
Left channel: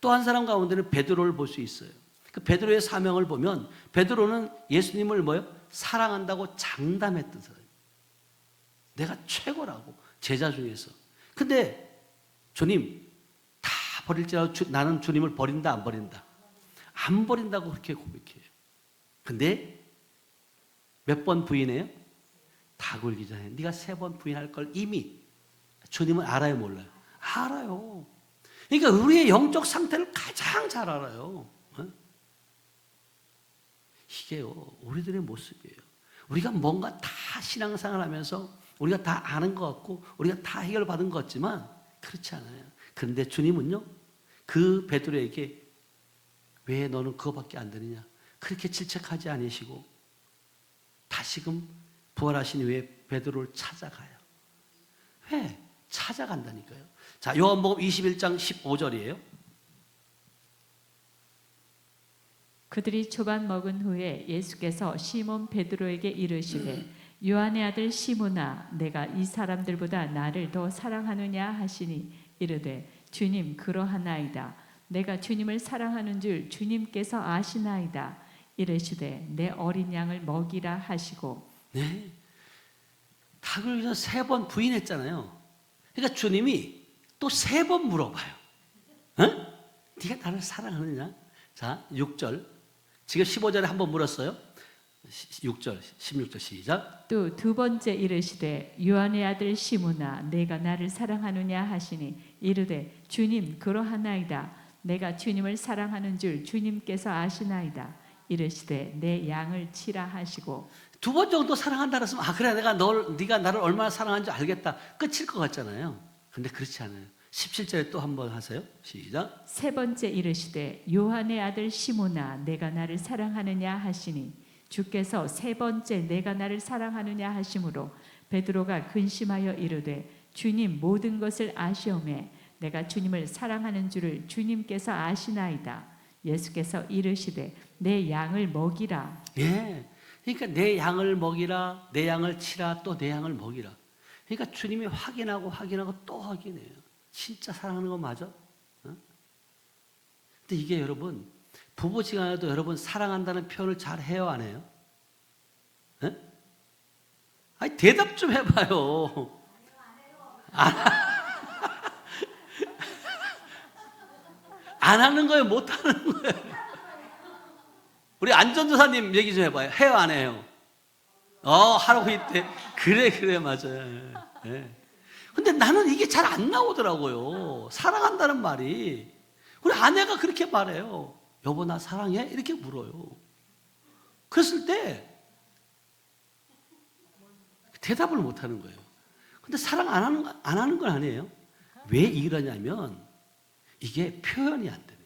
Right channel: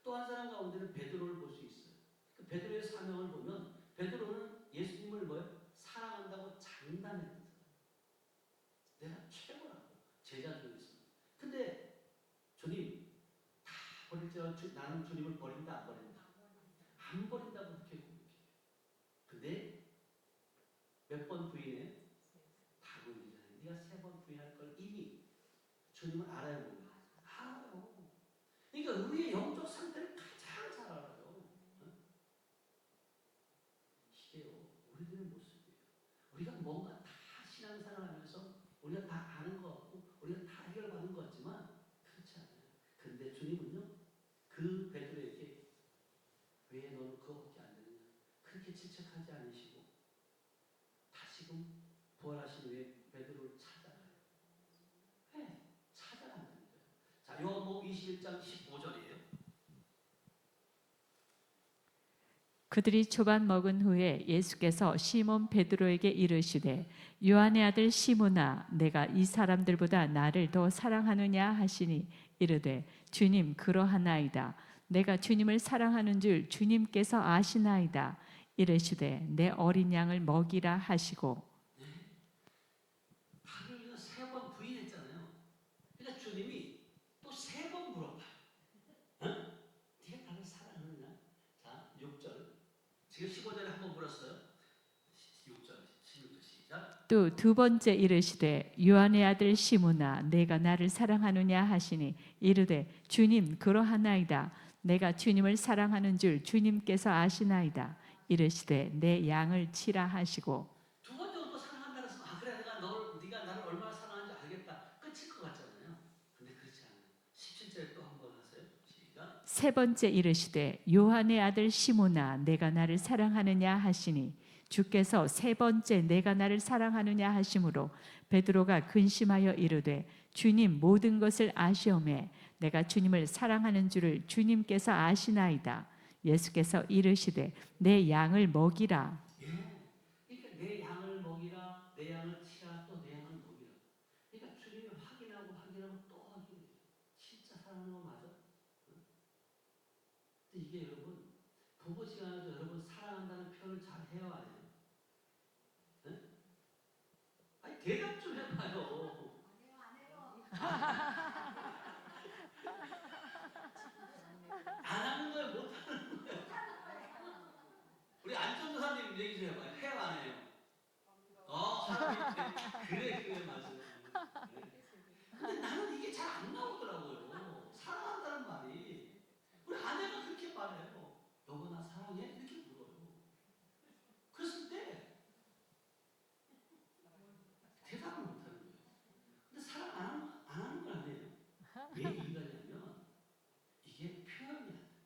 또 한 사람 가운데는 베드로를 볼 수 있어요. 그 베드로의 사명을 보면 베드로는 예수님을 사랑한다고 장담했던 사람이에요. 내가 최고라고 제자 중에서. 근데 주님 다 버릴지라도 나는 주님을 버린다 안 버린다? 안 버린다고 그렇게 고백해요. 근데 몇 번 부인해요? 다 굴기 전에 네가 3번 부인할 걸 이미 주님은 알아요 몰라요? 알아요. 그러니까 우리의 영적 상태를 가장 잘 알아요. 이게요 우리들의 모습이에요. 우리가 뭔가 다 신앙생활 하면서 우리가 다 아는 것 같고 우리가 다 해결받은 것 같지만 그렇지 않아요. 그런데 주님은요 그 베드로에게 왜 너는 그거밖에 안 되느냐 그렇게 질책하지 않으시고 다시금 부활하신 후에 베드로를 찾아가요. 왜? 찾아간다니까요. 자, 요한복음 21장 15절이에요. 그들이 초반 먹은 후에 예수께서 시몬 베드로에게 이르시되 요한의 아들 시몬아 내가 이 사람들보다 나를 더 사랑하느냐 하시니 이르되 주님 그러하나이다. 내가 주님을 사랑하는 줄 주님께서 아시나이다. 이르시되 내 어린 양을 먹이라 하시고. 네. 닭을 위해서 3번 부인했잖아요. 그러니까 주님이 또 3번 물어봐요. 네가 나를 사랑하느냐? 자, 6절. 지금 15절에 한번 물었어요. 6절, 16절 시작. 또 두 번째 이르시되 요한의 아들 시므나 내가 나를 사랑하느냐 하시니 이르되 주님 그러하나이다. 내가 주님을 사랑하는 줄 주님께서 아시나이다. 이르시되 내 양을 치라 하시고. 두 번 정도 사랑한다 그랬으면 그래 네가 나를 얼마나 사랑하는지 알겠다. 끝일 것 같잖아요. 근데 그렇지 않아요. 17절에 또 한 번 하세요. 시작. 세 번째 이르시되 요한의 아들 시므나 내가 나를 사랑하느냐 하시니 주께서 세 번째 내가 나를 사랑하느냐 하심으로 베드로가 근심하여 이르되 주님 모든 것을 아시오매 내가 주님을 사랑하는 줄을 주님께서 아시나이다. 예수께서 이르시되 내 양을 먹이라. 예. 그러니까 내 양을 먹이라, 내 양을 치라, 또 내 양을 먹이라. 그러니까 주님이 확인하고 또 확인해요. 진짜 사랑하는 거 맞아? 어? 근데 이게 여러분 부부지간에도 여러분 사랑한다는 표현을 잘 해요, 안 해요? 예? 아니 대답 좀 해봐요. 안 하는 거예요, 못 하는 거예요? 우리 안전도사님 얘기 좀 해봐요. 해요, 안 해요? 하라고 있대. 그래, 맞아요. 예. 근데 나는 이게 잘 안 나오더라고요. 사랑한다는 말이. 우리 아내가 그렇게 말해요. 여보, 나 사랑해? 이렇게 물어요. 그랬을 때 대답을 못 하는 거예요. 근데 사랑 안 하는 건 아니에요. 왜 이러냐면 이게 표현이 안 돼요.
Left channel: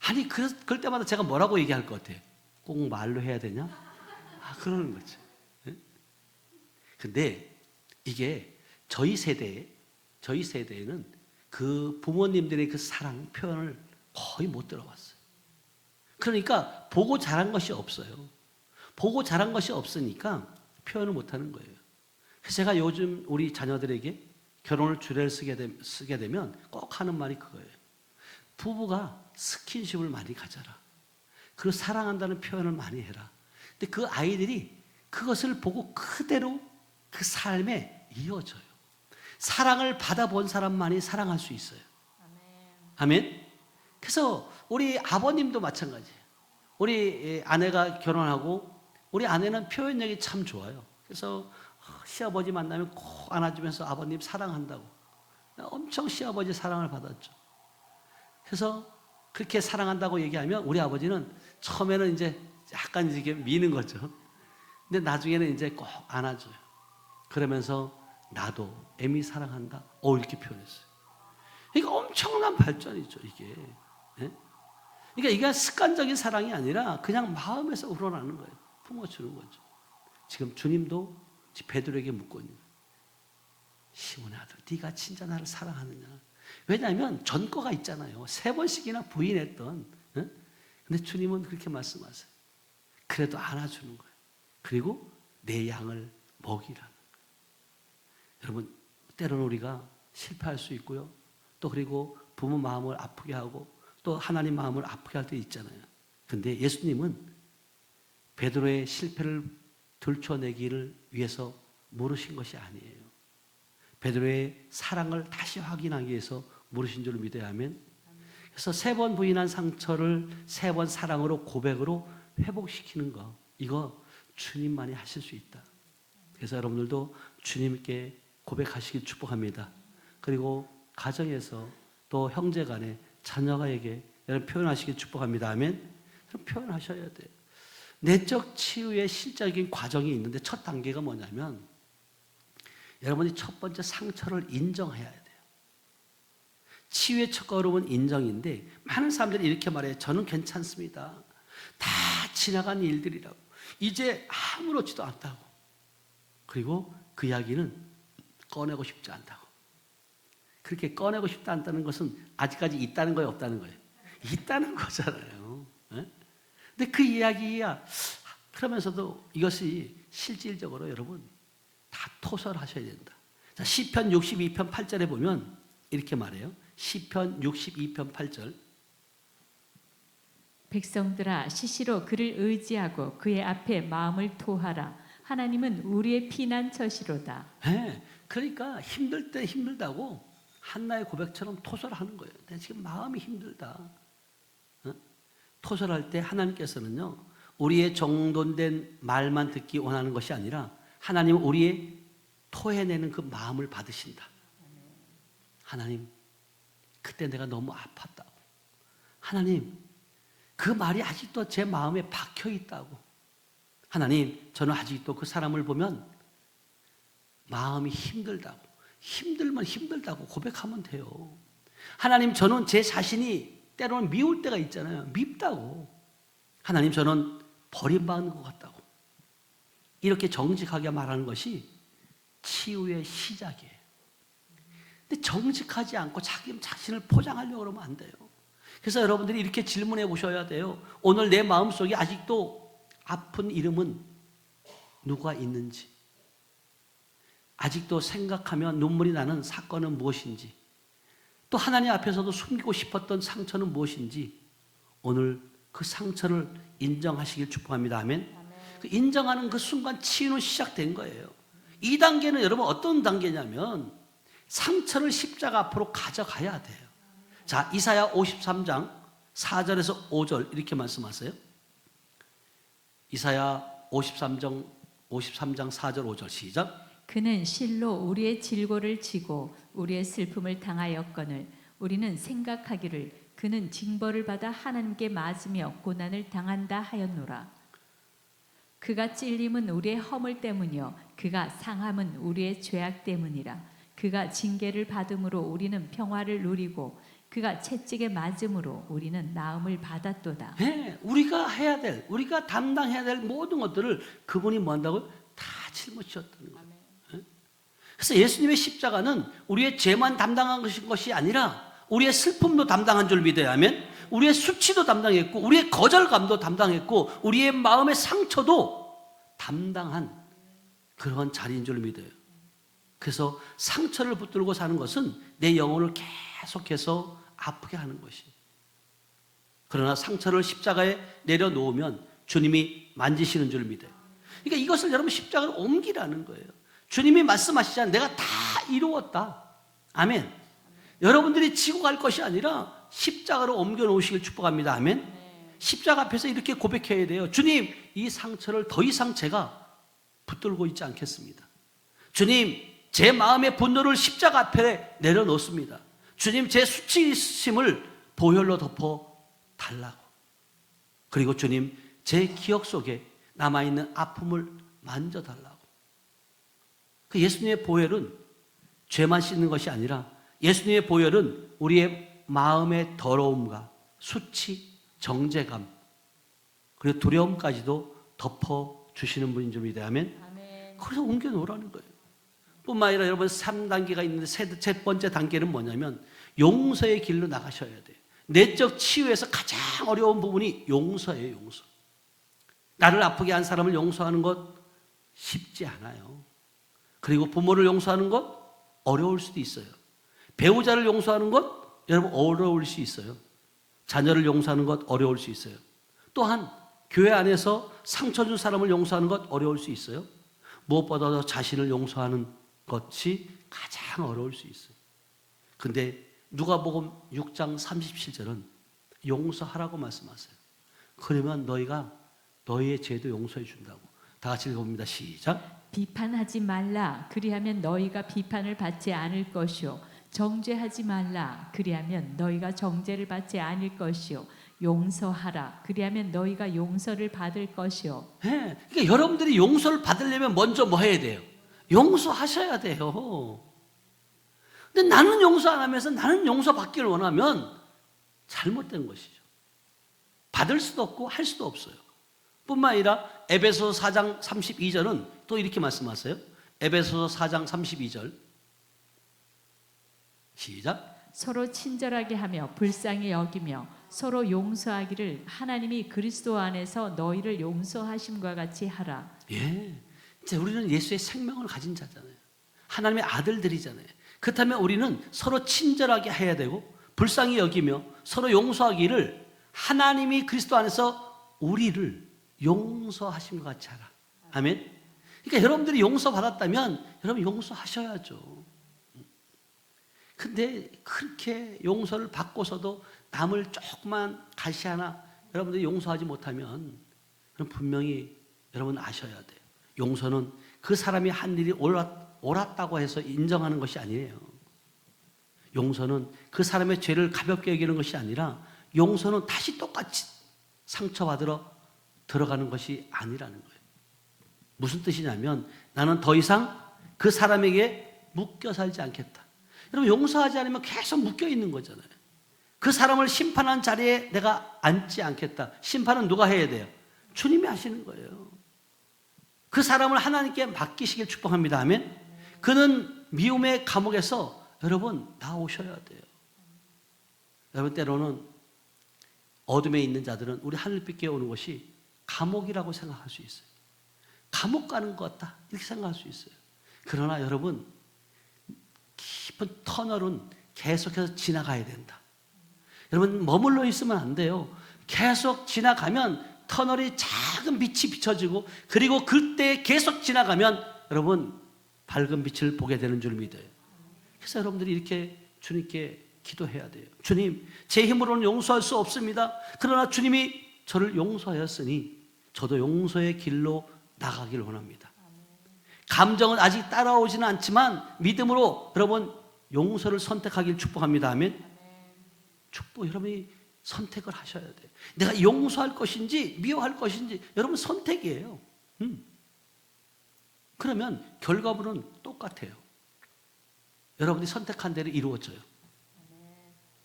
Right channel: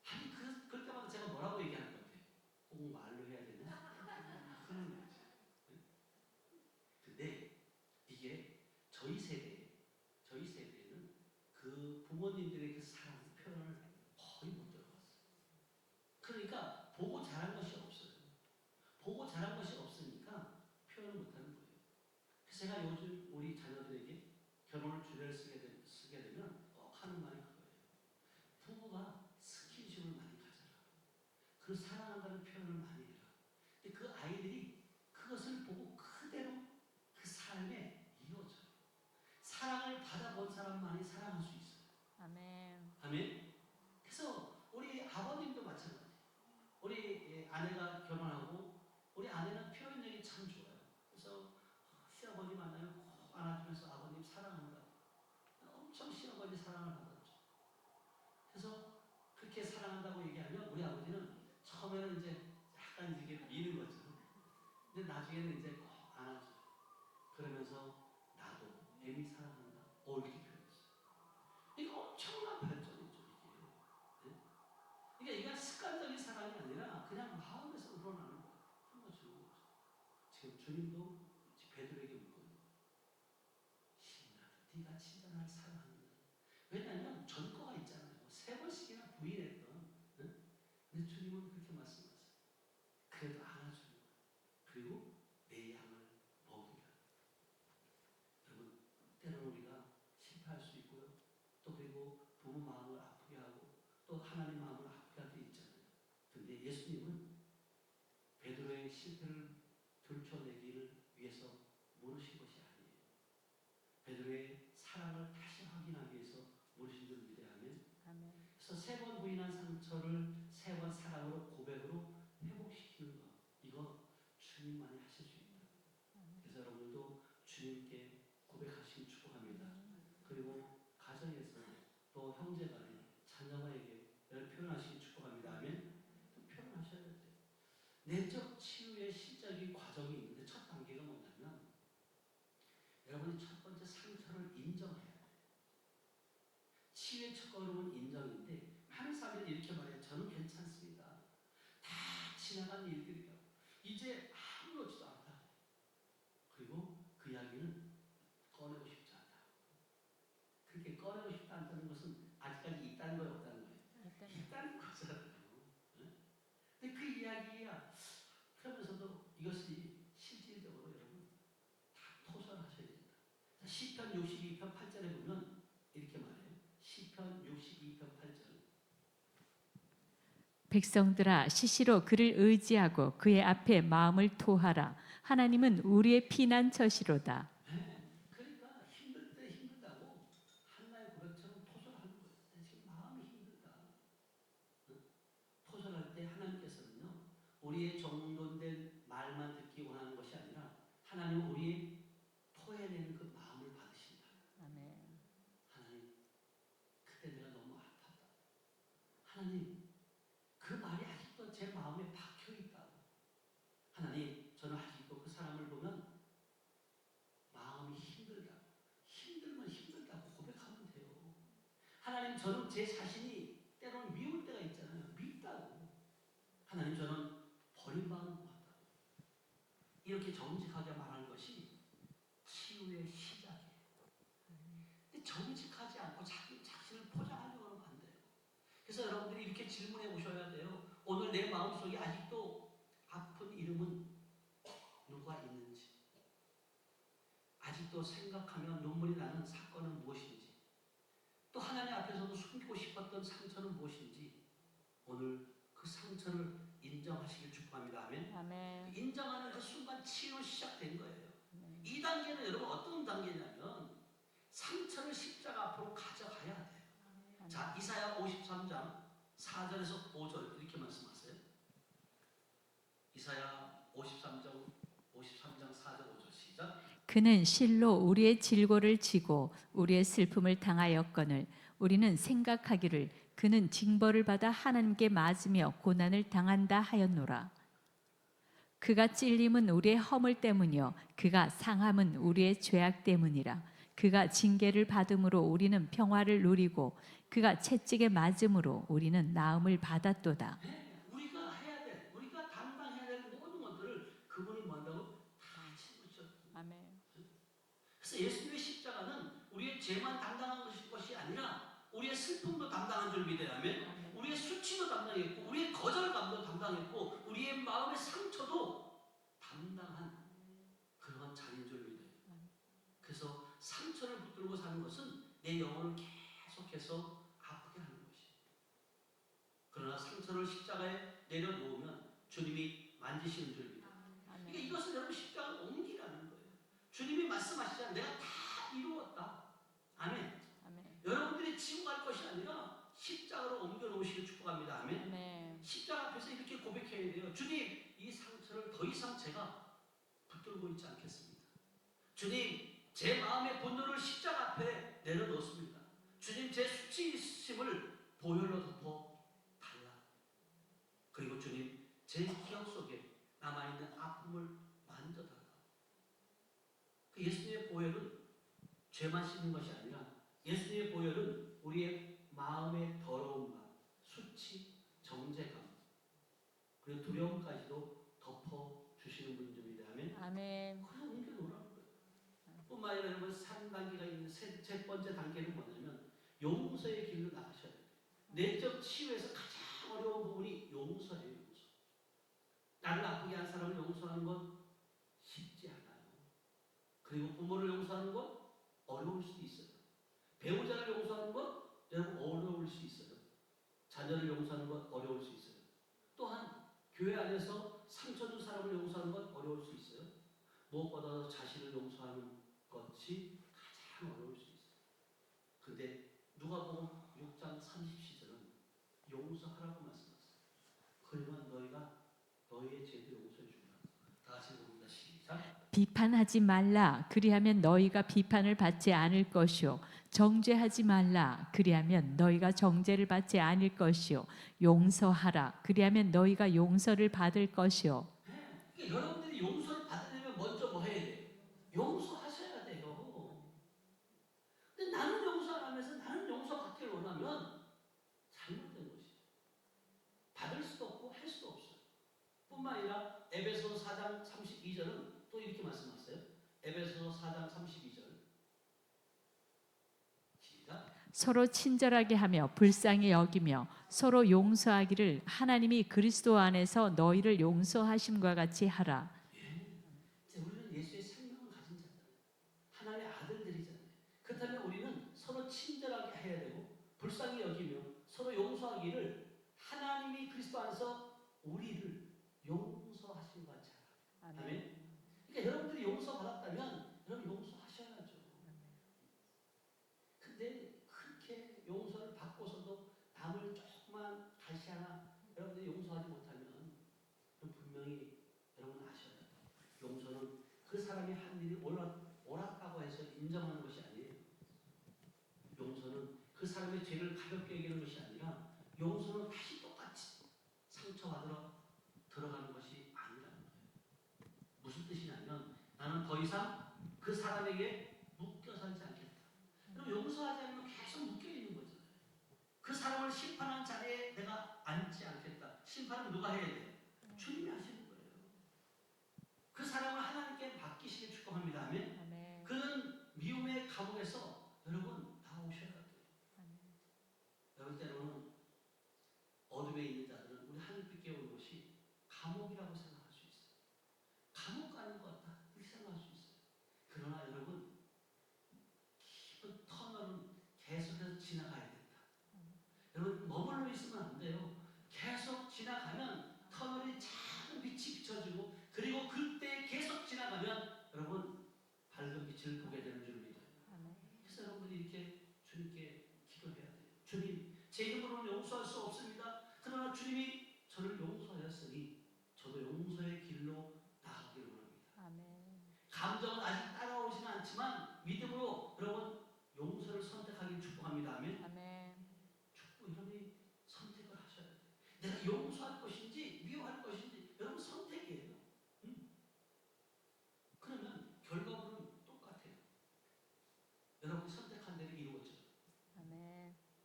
아니, 그럴 때마다 제가 뭐라고 얘기할 것 같아요? 꼭 말로 해야 되냐? 그러는 거죠. 근데 이게 저희 세대에는 그 부모님들의 그 사랑 표현을 거의 못 들어봤어요. 그러니까 보고 자란 것이 없어요. 보고 자란 것이 없으니까 표현을 못 하는 거예요. 그래서 제가 요즘 우리 자녀들에게 결혼을 주례를 쓰게 되면 꼭 하는 말이 그거예요. 부부가 스킨십을 많이 가져라. 그리고 사랑한다는 표현을 많이 해라. 근데 그 아이들이 그것을 보고 그대로 그 삶에 이어져요. 사랑을 받아본 사람만이 사랑할 수 있어요. 아멘. 그래서 우리 아버님도 마찬가지예요. 우리 아내가 결혼하고 우리 아내는 표현력이 참 좋아요. 그래서 시아버지 만나면 꼭 안아주면서 아버님 사랑한다고. 엄청 시아버지 사랑을 받았죠. 그래서 그렇게 사랑한다고 얘기하면 우리 아버지는 처음에는 이제 약간 이렇게 미는 거죠. 근데 나중에는 이제 꼭 안아줘요. 그러면서 나도 애미 사랑한다. 이렇게 표현했어요. 이게 엄청난 발전이죠, 이게. 예? 그러니까 이게 습관적인 사랑이 아니라 그냥 마음에서 우러나는 거예요. 품어주는 거죠. 지금 주님도 베드로에게 묻고 있는 거예요. 시몬의 아들, 네가 진짜 나를 사랑하느냐? 왜냐하면 전과가 있잖아요. 3번씩이나 부인했던. 예? 근데 주님은 그렇게 말씀하세요. 그래도 안아주는 거예요. 그리고 내 양을 먹이라. 여러분, 때로는 우리가 실패할 수 있고요. 또 그리고 부모 마음을 아프게 하고 또 하나님 마음을 아프게 할 때 있잖아요. 근데 예수님은 베드로의 실패를 들춰내기를 위해서 물으신 것이 아니에요. 베드로의 사랑을 다시 확인하기 위해서 물으신 줄 믿어야 하면, 그래서 3번 부인한 상처를 3번 사랑으로 고백으로 회복시키는 거, 이거 주님만이 하실 수 있다. 그래서 여러분들도 주님께 고백하시길 축복합니다. 그리고 가정에서 또 형제간에 자녀가에게 여러분 표현하시길 축복합니다. 아멘. 표현하셔야 돼요. 내적 치유의 실적인 과정이 있는데 첫 단계가 뭐냐면 여러분이 첫 번째 상처를 인정해야 돼요. 치유의 첫 걸음은 인정인데 많은 사람들이 이렇게 말해요. 저는 괜찮습니다. 다 지나간 일들이라고. 이제 아무렇지도 않다고. 그리고 그 이야기는 꺼내고 싶지 않다고. 그렇게 꺼내고 싶지 않다는 것은 아직까지 있다는 거예요, 없다는 거예요? 있다는 거잖아요. 네? 근데 그 이야기야 그러면서도 이것이 실질적으로 여러분 다 토설하셔야 된다. 자, 시편 62편 8절에 보면 이렇게 말해요. 시편 62편 8절. 백성들아 시시로 그를 의지하고 그의 앞에 마음을 토하라. 하나님은 우리의 피난처시로다. 네, 그러니까 힘들 때 힘들다고 한나의 고백처럼 토설하는 거예요. 내가 지금 마음이 힘들다. 토설할 때 하나님께서는요 우리의 정돈된 말만 듣기 원하는 것이 아니라 하나님은 우리의 토해내는 그 마음을 받으신다. 하나님, 그때 내가 너무 아팠다고. 하나님, 그 말이 아직도 제 마음에 박혀 있다고. 하나님, 저는 아직도 그 사람을 보면 마음이 힘들다고. 힘들면 힘들다고 고백하면 돼요. 하나님, 저는 제 자신이 때로는 미울 때가 있잖아요. 밉다고. 하나님, 저는 버림받은 것 같다고. 이렇게 정직하게 말하는 것이 치유의 시작이에요. 근데 정직하지 않고 자기 자신을 포장하려고 그러면 안 돼요. 그래서 여러분들이 이렇게 질문해 보셔야 돼요. 오늘 내 마음속에 아직도 아픈 이름은 누가 있는지, 아직도 생각하면 눈물이 나는 사건은 무엇인지, 또 하나님 앞에서도 숨기고 싶었던 상처는 무엇인지 오늘 그 상처를 인정하시길 축복합니다. 아멘. 그 인정하는 그 순간 치유는 시작된 거예요. 이 단계는 여러분 어떤 단계냐면 상처를 십자가 앞으로 가져가야 돼요. 자, 이사야 53장 4절에서 5절 이렇게 말씀하세요. 이사야 53장 4절 5절 시작. 그는 실로 우리의 질고를 지고 우리의 슬픔을 당하였거늘 우리는 생각하기를 그는 징벌을 받아 하나님께 맞으며 고난을 당한다 하였노라. 그가 찔림은 우리의 허물 때문이요 그가 상함은 우리의 죄악 때문이라. 그가 징계를 받음으로 우리는 평화를 누리고 그가 채찍에 맞음으로 우리는 나음을 받았도다. 네, 우리가 해야 될, 우리가 담당해야 될 모든 것들을 그분이 뭐 한다고? 다 짊어지셨다는 거예요. 그래서 예수님의 십자가는 우리의 죄만 담당한 것이 아니라 우리의 슬픔도 담당한 줄 믿어야 하면 우리의 수치도 담당했고 우리의 거절감도 담당했고 우리의 마음의 상처도 담당한 그런 자리인 줄 믿어요. 그래서 상처를 붙들고 사는 것은 내 영혼을 계속해서 아프게 하는 것이에요. 그러나 상처를 십자가에 내려놓으면 주님이 만지시는 줄 믿어요. 그러니까 이것을 여러분 십자가로 옮기라는 거예요. 주님이 말씀하시잖아요. 내가 다 이루었다. 아멘. 여러분들이 지고 갈 것이 아니라 십자가로 옮겨 놓으시길 축복합니다. 아멘. 십자가 앞에서 이렇게 고백해야 돼요. 주님, 이 상처를 더 이상 제가 붙들고 있지 않겠습니다. 주님, 제 마음의 분노를 십자가 앞에 내려놓습니다. 주님, 제 수치심을 보혈로 덮어 달라고. 그리고 주님, 제 기억 속에 남아있는 아픔을 만져달라고. 그 예수님의 보혈은 죄만 씻는 것이 아니라 예수님의 보혈은 우리의 마음의 더러움과 수치, 정죄감 그리고 두려움까지도 덮어주시는 분인 줄 믿어야 하면 그래서 옮겨놓으라는 거예요. 뿐만 아니라 여러분 3단계가 있는데 첫 번째 단계는 뭐냐면 용서의 길로 나가셔야 돼요. 내적 치유에서 가장 어려운 부분이 용서예요. 용서. 나를 아프게 한 사람을 용서하는 것 쉽지 않아요. 그리고 부모를 용서하는 것 어려울 수도 있어요. 배우자를 용서하는 것 여러분 어려울 수 있어요. 자녀를 용서하는 것 어려울 수 있어요. 또한 교회 안에서 상처 준 사람을 용서하는 것 어려울 수 있어요. 무엇보다도 자신을 용서하는 것이 가장 어려울 수 있어요. 근데 누가복음 6장 37절은 용서하라고 말씀하세요. 그러면 너희가 너희의 죄도 용서해 준다고. 다 같이 읽어봅니다. 시작. 비판하지 말라. 그리하면 너희가 비판을 받지 않을 것이요. 정죄하지 말라. 그리하면 너희가 정죄를 받지 않을 것이요. 용서하라. 그리하면 너희가 용서를 받을 것이요. 네, 그러니까 여러분들이 용서를 받으려면 먼저 뭐 해야 돼요? 용서하셔야 돼요. 근데 나는 용서 안 하면서 나는 용서받기를 원하면 잘못된 것이죠. 받을 수도 없고 할 수도 없어요. 뿐만 아니라 에베소서 4장 32절은 또 이렇게 말씀하세요. 에베소서 4장 32절 시작. 서로 친절하게 하며 불쌍히 여기며 서로 용서하기를 하나님이 그리스도 안에서 너희를 용서하심과 같이 하라. 예, 이제 우리는 예수의 생명을 가진 자잖아요. 하나님의 아들들이잖아요. 그렇다면 우리는 서로 친절하게 해야 되고 불쌍히 여기며 서로 용서하기를 하나님이 그리스도 안에서 우리를 용서하심과 같이 하라. 아멘. 그러니까 여러분들이 용서받았다면 여러분 용서하셔야죠. 근데 그렇게 용서를 받고서도 남을 조금만 가시 하나 여러분들이 용서하지 못하면 그럼 분명히 여러분 아셔야 돼요. 용서는 그 사람이 한 일이 옳았다고 해서 인정하는 것이 아니에요. 용서는 그 사람의 죄를 가볍게 여기는 것이 아니라 용서는 다시 똑같이 상처받으러 들어가는 것이 아니라는 거예요. 무슨 뜻이냐면 나는 더 이상 그 사람에게 묶여 살지 않겠다. 여러분 용서하지 않으면 계속 묶여 있는 거잖아요. 그 사람을 심판한 자리에 내가 앉지 않겠다. 심판은 누가 해야 돼요? 주님이 하시는 거예요. 그 사람을 하나님께 맡기시길 축복합니다. 아멘. 그는 미움의 감옥에서 여러분 나오셔야 돼요. 여러분 때로는 어둠에 있는 자들은 우리 하늘빛에 오는 것이 감옥이라고 생각할 수 있어요. 감옥 가는 것 같다 이렇게 생각할 수 있어요. 그러나 여러분 깊은 터널은 계속해서 지나가야 된다. 여러분 머물러 있으면 안 돼요. 계속 지나가면 터널이 작은 빛이 비춰지고 그리고 그때 계속 지나가면 여러분 밝은 빛을 보게 되는 줄 믿어요. 그래서 여러분들이 이렇게 주님께 기도해야 돼요. 주님, 제 힘으로는 용서할 수 없습니다. 그러나 주님이 저를 용서하였으니 저도 용서의 길로 나가길 원합니다. 감정은 아직 따라오지는 않지만 믿음으로 여러분 용서를 선택하길 축복합니다. 아멘. 축복 여러분이 선택을 하셔야 돼요. 내가 용서할 것인지 미워할 것인지 여러분 선택이에요. 그러면 결과물은 똑같아요. 여러분이 선택한 대로 이루어져요.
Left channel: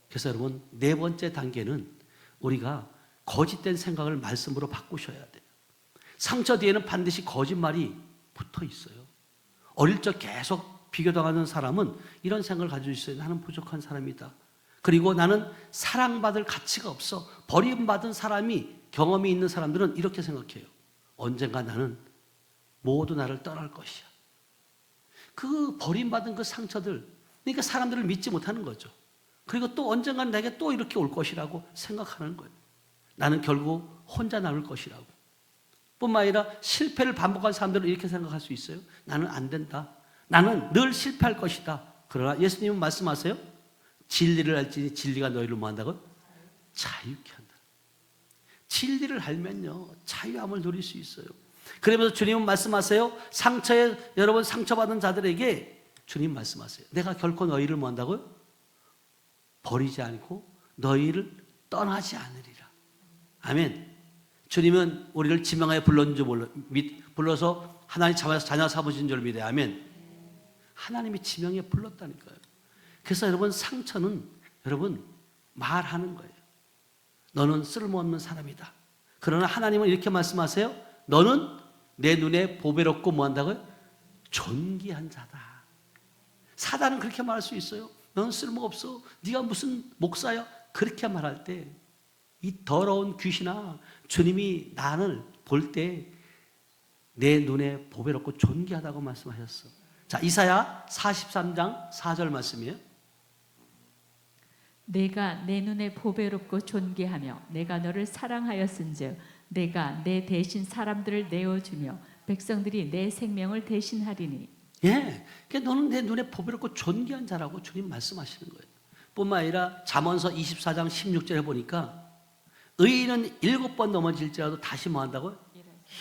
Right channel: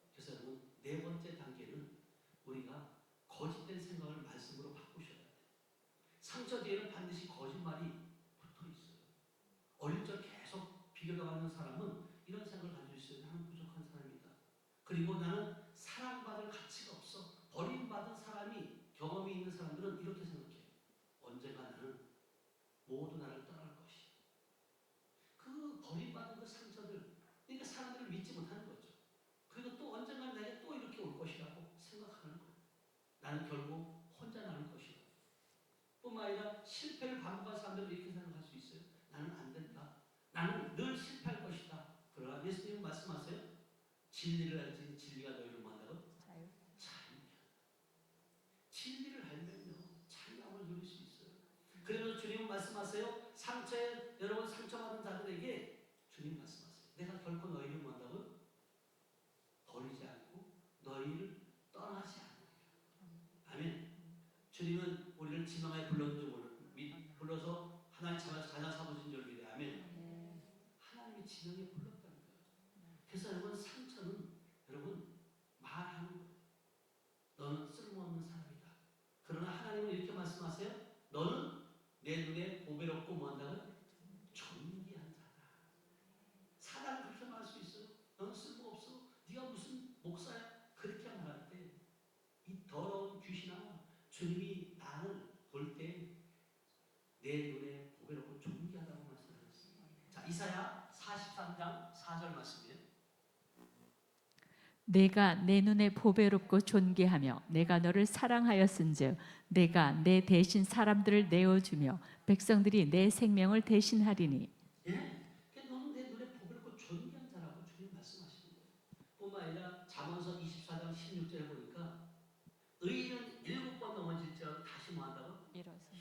그래서 여러분 네 번째 단계는 우리가 거짓된 생각을 말씀으로 바꾸셔야 돼요. 상처 뒤에는 반드시 거짓말이 붙어 있어요. 어릴 적 계속 비교당하는 사람은 이런 생각을 가지고 있어요. 나는 부족한 사람이다. 그리고 나는 사랑받을 가치가 없어. 버림받은 사람이 경험이 있는 사람들은 이렇게 생각해요. 언젠가 나는 모두 나를 떠날 것이야. 그 버림받은 그 상처들, 그러니까 사람들을 믿지 못하는 거죠. 그리고 또 언젠가는 내게 또 이렇게 올 것이라고 생각하는 거예요. 나는 결국 혼자 남을 것이라고. 뿐만 아니라 실패를 반복한 사람들은 이렇게 생각할 수 있어요. 나는 안 된다. 나는 늘 실패할 것이다. 그러나 예수님은 말씀하세요. 진리를 알지니 진리가 너희를 뭐 한다고? 자유케 한다. 진리를 알면요 자유함을 누릴 수 있어요. 그러면서 주님은 말씀하세요. 여러분 상처받은 자들에게 주님 말씀하세요. 내가 결코 너희를 뭐 한다고요? 버리지 않고 너희를 떠나지 않으리라. 아멘. 주님은 우리를 지명하여 불렀는 줄 불러서 하나님 자녀 삼으신 줄 믿어요. 아멘. 하나님이 지명해 불렀다니까요. 그래서 여러분 상처는 여러분 말하는 거예요. 너는 쓸모없는 사람이다. 그러나 하나님은 이렇게 말씀하세요. 너는 내 눈에 보배롭고 뭐 한다고요? 존귀한 자다. 사단은 그렇게 말할 수 있어요. 너는 쓸모없어. 네가 무슨 목사야? 그렇게 말할 때 이 더러운 귀신아 주님이 나를 볼 때 내 눈에 보배롭고 존귀하다고 말씀하셨어. 자, 이사야 43장 4절 말씀이에요. 내가 내 눈에 보배롭고 존귀하며 내가 너를 사랑하였은즉 내가 내 대신 사람들을 내어주며 백성들이 내 생명을 대신하리니. 예, 그러니까 너는 내 눈에 보배롭고 존귀한 자라고 주님 말씀하시는 거예요. 뿐만 아니라 잠언서 24장 16절에 보니까 의인은 7번 넘어질지라도 다시 뭐 한다고요?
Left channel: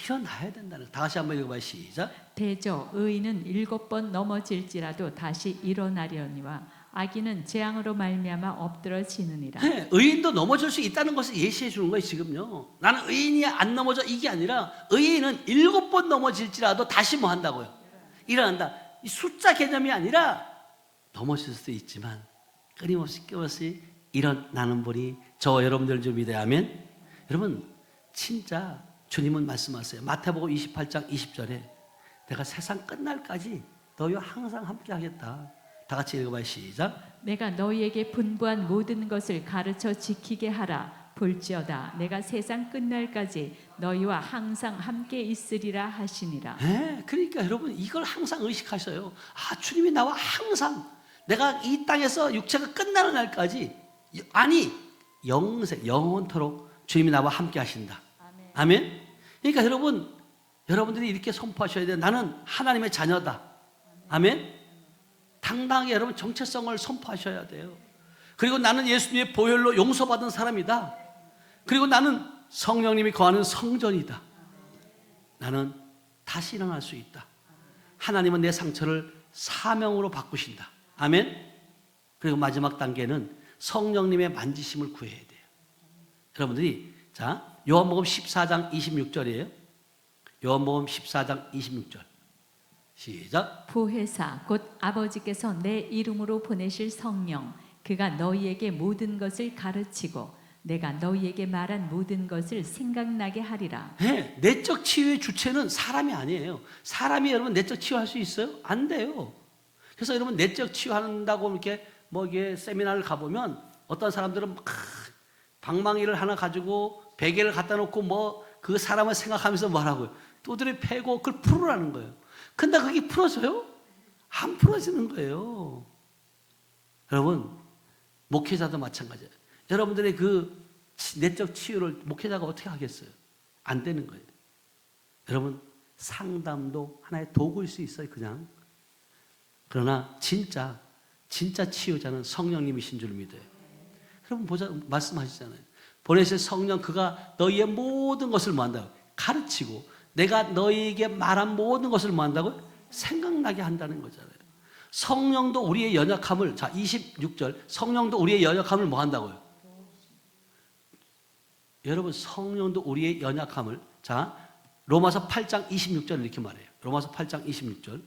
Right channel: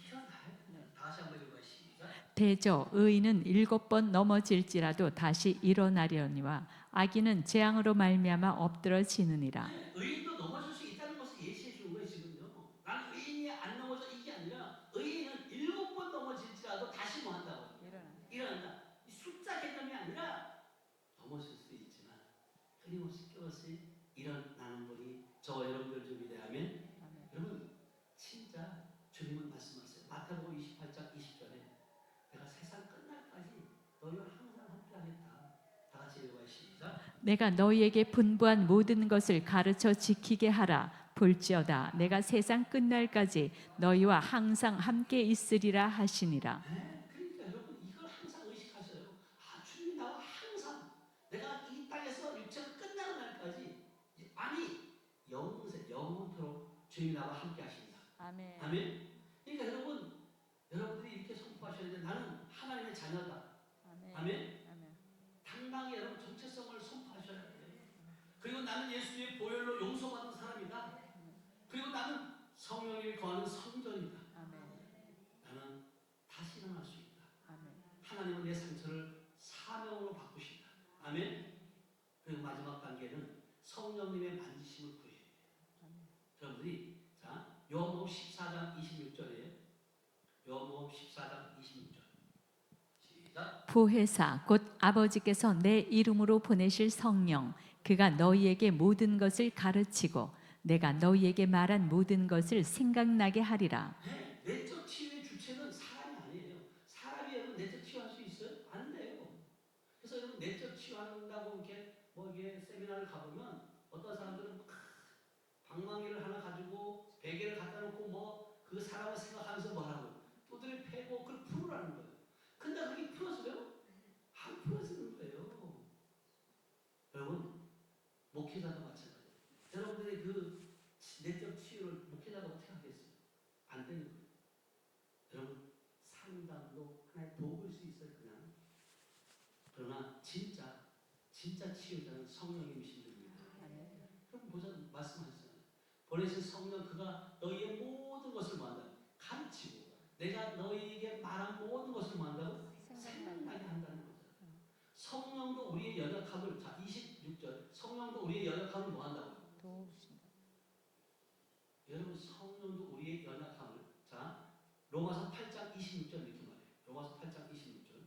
일어나야 된다는 거예요. 다시 한번 읽어봐요. 시작. 대저 의인은 7번 넘어질지라도 다시 일어나려니와 악인은 재앙으로 말미암아 엎드러지느니라. 네, 의인도 넘어질 수 있다는 것을 예시해 주는 거예요. 지금요. 나는 의인이 안 넘어져 이게 아니라 의인은 7번 넘어질지라도 다시 뭐 한다고요? 일어난다. 이 숫자 개념이 아니라 넘어질 수도 있지만 끊임없이 일어나는 분이 저 여러분들 좀 믿어야 하면 여러분 진짜 주님은 말씀하세요. 마태복음 28장 20절에 내가 세상 끝날까지 너희와 항상 함께 하겠다. 다 같이 읽어봐요. 시작. 내가 너희에게 분부한 모든 것을 가르쳐 지키게 하라. 볼지어다 내가 세상 끝날까지 너희와 항상 함께 있으리라 하시니라. 네, 그러니까 여러분 이걸 항상 의식하셔요. 아, 주님이 나와 항상 내가 이 땅에서 육체가 끝나는 날까지 아니 영원토록 주님이 나와 함께 하신다. 아멘. 아멘. 그러니까 여러분들이 이렇게 선포하셔야 돼요. 나는 하나님의 자녀다. 아멘. 당당하게 여러분 정체성을 선포하셔야 돼요. 그리고 나는 예수님의 보혈로 용서받은 사람이다. 그리고 나는 성령님이 거하는 성전이다. 나는 다시 일어날 수 있다. 하나님은 내 상처를 사명으로 바꾸신다. 아멘. 그리고 마지막 단계는 성령님의 만지심을 구해야 돼요. 여러분들이 자 요한복음 14장 26절이에요. 요한복음 14장 26절 시작. 보혜사 곧 아버지께서 내 이름으로 보내실 성령 그가 너희에게 모든 것을 가르치고 내가 너희에게 말한 모든 것을 생각나게 하리라. 네, 내적 치유의 주체는 사람이 아니에요. 사람이 여러분 내적 치유할 수 있어요? 안 돼요. 그래서 여러분 내적 치유한다고 이렇게 뭐 이게 세미나를 가보면 어떤 사람들은 막 방망이를 하나 가지고 베개를 갖다 놓고 뭐 그 사람을 생각하면서 뭐라고요? 두드려 패고 그걸 풀으라는 거예요. 근데 그게 풀어져요? 안 풀어지는 거예요. 여러분 목회자도 마찬가지예요. 여러분들의 그 내적 치유를 목회자가 어떻게 하겠어요? 안 되는 거예요. 여러분 상담도 하나의 도구일 수 있어요. 그냥. 그러나 진짜 치유자는 성령님이신 줄 믿어요. 여러분 말씀하시잖아요. 보내실 성령 그가 너희의 모든 것을 뭐 한다고? 가르치고 내가 너희에게 말한 모든 것을 뭐 한다고? 생각나게 한다는 거잖아요. 성령도 우리의 연약함을 자 26절 성령도 우리의 연약함을 뭐 한다고요? 여러분 성령도 우리의 연약함을 자 로마서 8장 26절 이렇게 말해요. 로마서 8장 26절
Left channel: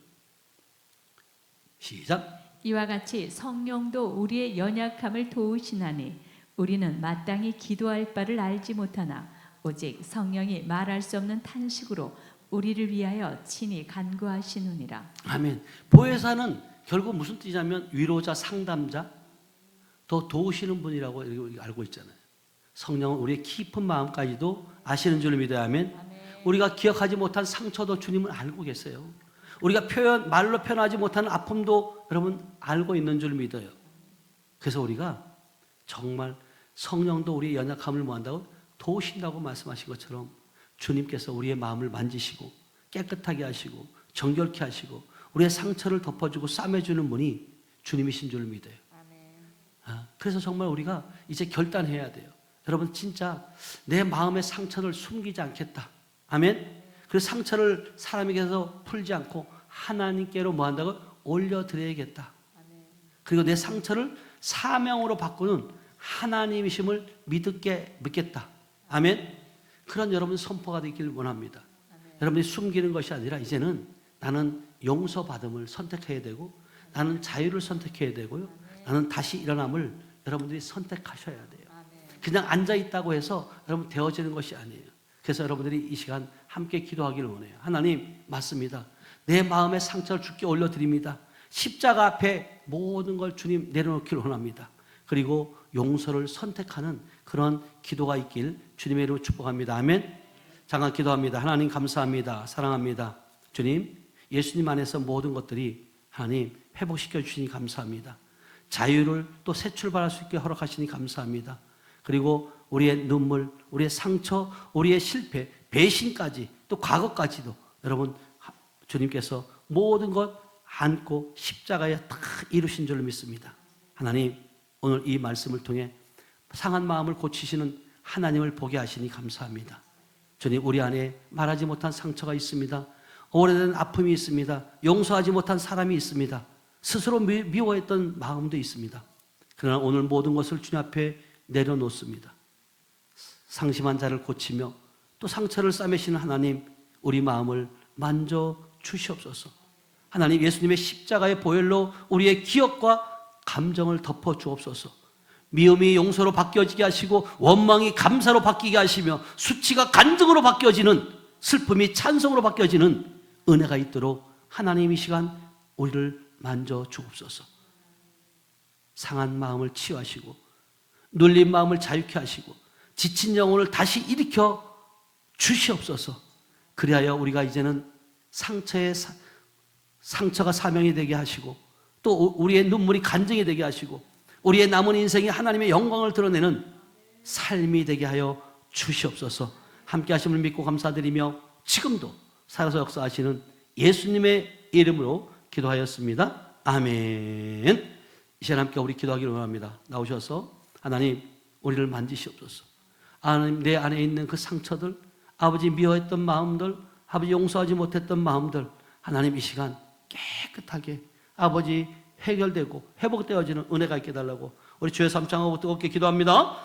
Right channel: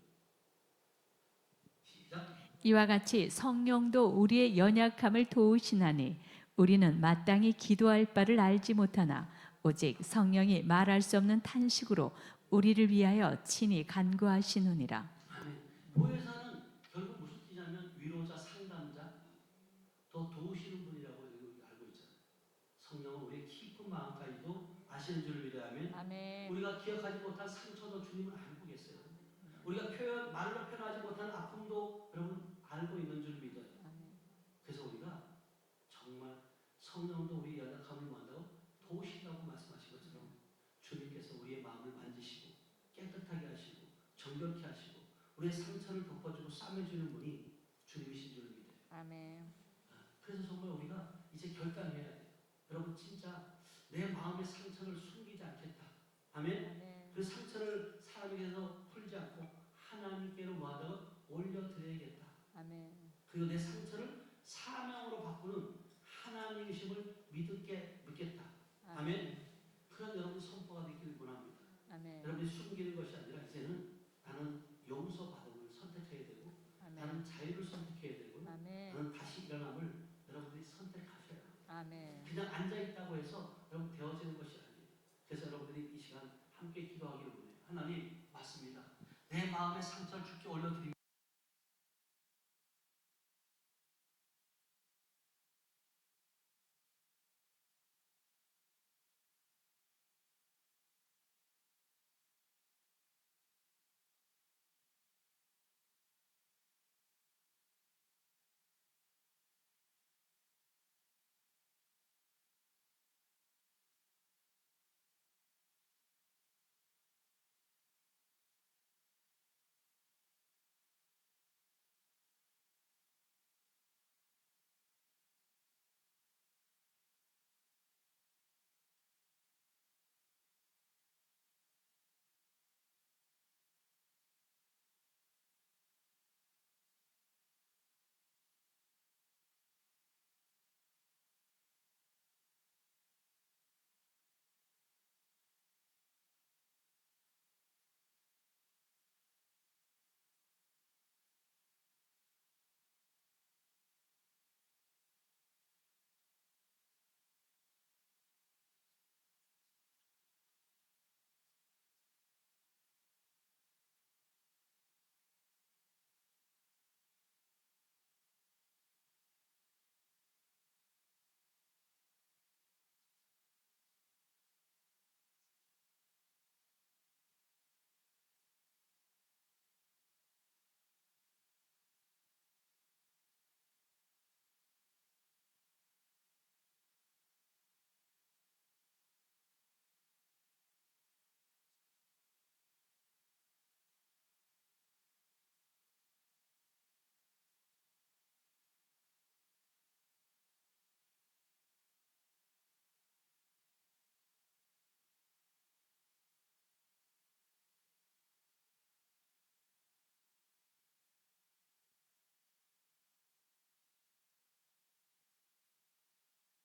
시작. 이와 같이 성령도 우리의 연약함을 도우시나니 우리는 마땅히 기도할 바를 알지 못하나 오직 성령이 말할 수 없는 탄식으로 우리를 위하여 친히 간구하시느니라. 아멘. 보혜사는 결국 무슨 뜻이냐면 위로자, 상담자, 더 도우시는 분이라고 알고 있잖아요. 성령은 우리의 깊은 마음까지도 아시는 줄 믿어야 하면 아멘. 우리가 기억하지 못한 상처도 주님은 알고 계세요. 우리가 말로 표현하지 못하는 아픔도 여러분 알고 있는 줄 믿어요. 그래서 우리가 정말 성령도 우리의 연약함을 뭐 한다고? 도우신다고 말씀하신 것처럼 주님께서 우리의 마음을 만지시고 깨끗하게 하시고 정결케 하시고 우리의 상처를 덮어주고 싸매주는 분이 주님이신 줄 믿어요. 아멘. 그래서 정말 우리가 이제 결단해야 돼요. 여러분 진짜 내 마음의 상처를 숨기지 않겠다. 아멘. 그 상처를 사람에게서 풀지 않고 하나님께로 뭐 한다고? 올려드려야겠다. 아멘. 그리고 내 상처를 사명으로 바꾸는 하나님이심을 믿겠다. 아멘. 그런 여러분 선포가 되기를 원합니다. 아멘. 여러분이 숨기는 것이 아니라 이제는 나는 용서받음을 선택해야 되고 나는 자유를 선택해야 되고요. 아멘. 나는 다시 일어남을 여러분들이 선택하셔야 돼요. 아멘. 그냥 앉아있다고 해서 여러분 되어지는 것이 아니에요. 그래서 여러분들이 이 시간 함께 기도하기를 원해요. 하나님 맞습니다. 내 마음의 상처를 주께 올려드립니다. 십자가 앞에 모든 걸 주님 내려놓기를 원합니다. 그리고 용서를 선택하는 그런 기도가 있길 주님의 이름으로 축복합니다. 아멘. 잠깐 기도합니다. 하나님 감사합니다. 사랑합니다. 주님 예수님 안에서 모든 것들이 하나님 회복시켜 주시니 감사합니다. 자유를 또 새 출발할 수 있게 허락하시니 감사합니다. 그리고 우리의 눈물, 우리의 상처, 우리의 실패, 배신까지 또 과거까지도 여러분 주님께서 모든 것 안고 십자가에 다 이루신 줄로 믿습니다. 하나님 오늘 이 말씀을 통해 상한 마음을 고치시는 하나님을 보게 하시니 감사합니다. 주님 우리 안에 말하지 못한 상처가 있습니다. 오래된 아픔이 있습니다. 용서하지 못한 사람이 있습니다. 스스로 미워했던 마음도 있습니다. 그러나 오늘 모든 것을 주님 앞에 내려놓습니다. 상심한 자를 고치며 또 상처를 싸매시는 하나님 우리 마음을 만져 주시옵소서. 하나님 예수님의 십자가의 보혈로 우리의 기억과 감정을 덮어 주옵소서. 미움이 용서로 바뀌어지게 하시고 원망이 감사로 바뀌게 하시며 수치가 간증으로 바뀌어지는 슬픔이 찬송으로 바뀌어지는 은혜가 있도록 하나님 이 시간 우리를 만져 주옵소서. 상한 마음을 치유하시고 눌린 마음을 자유케 하시고 지친 영혼을 다시 일으켜 주시옵소서. 그리하여 우리가 이제는 상처가 사명이 되게 하시고 또 우리의 눈물이 간증이 되게 하시고 우리의 남은 인생이 하나님의 영광을 드러내는 삶이 되게 하여 주시옵소서. 함께 하심을 믿고 감사드리며 지금도 살아서 역사하시는 예수님의 이름으로 기도하였습니다. 아멘. 이 시간 함께 우리 기도하기를 원합니다. 나오셔서 하나님 우리를 만지시옵소서. 하나님 내 안에 있는 그 상처들, 아버지 미워했던 마음들, 아버지 용서하지 못했던 마음들 하나님 이 시간 깨끗하게 아버지 해결되고 회복되어지는 은혜가 있게 달라고 우리 주의 삼창하고 뜨겁게 기도합니다.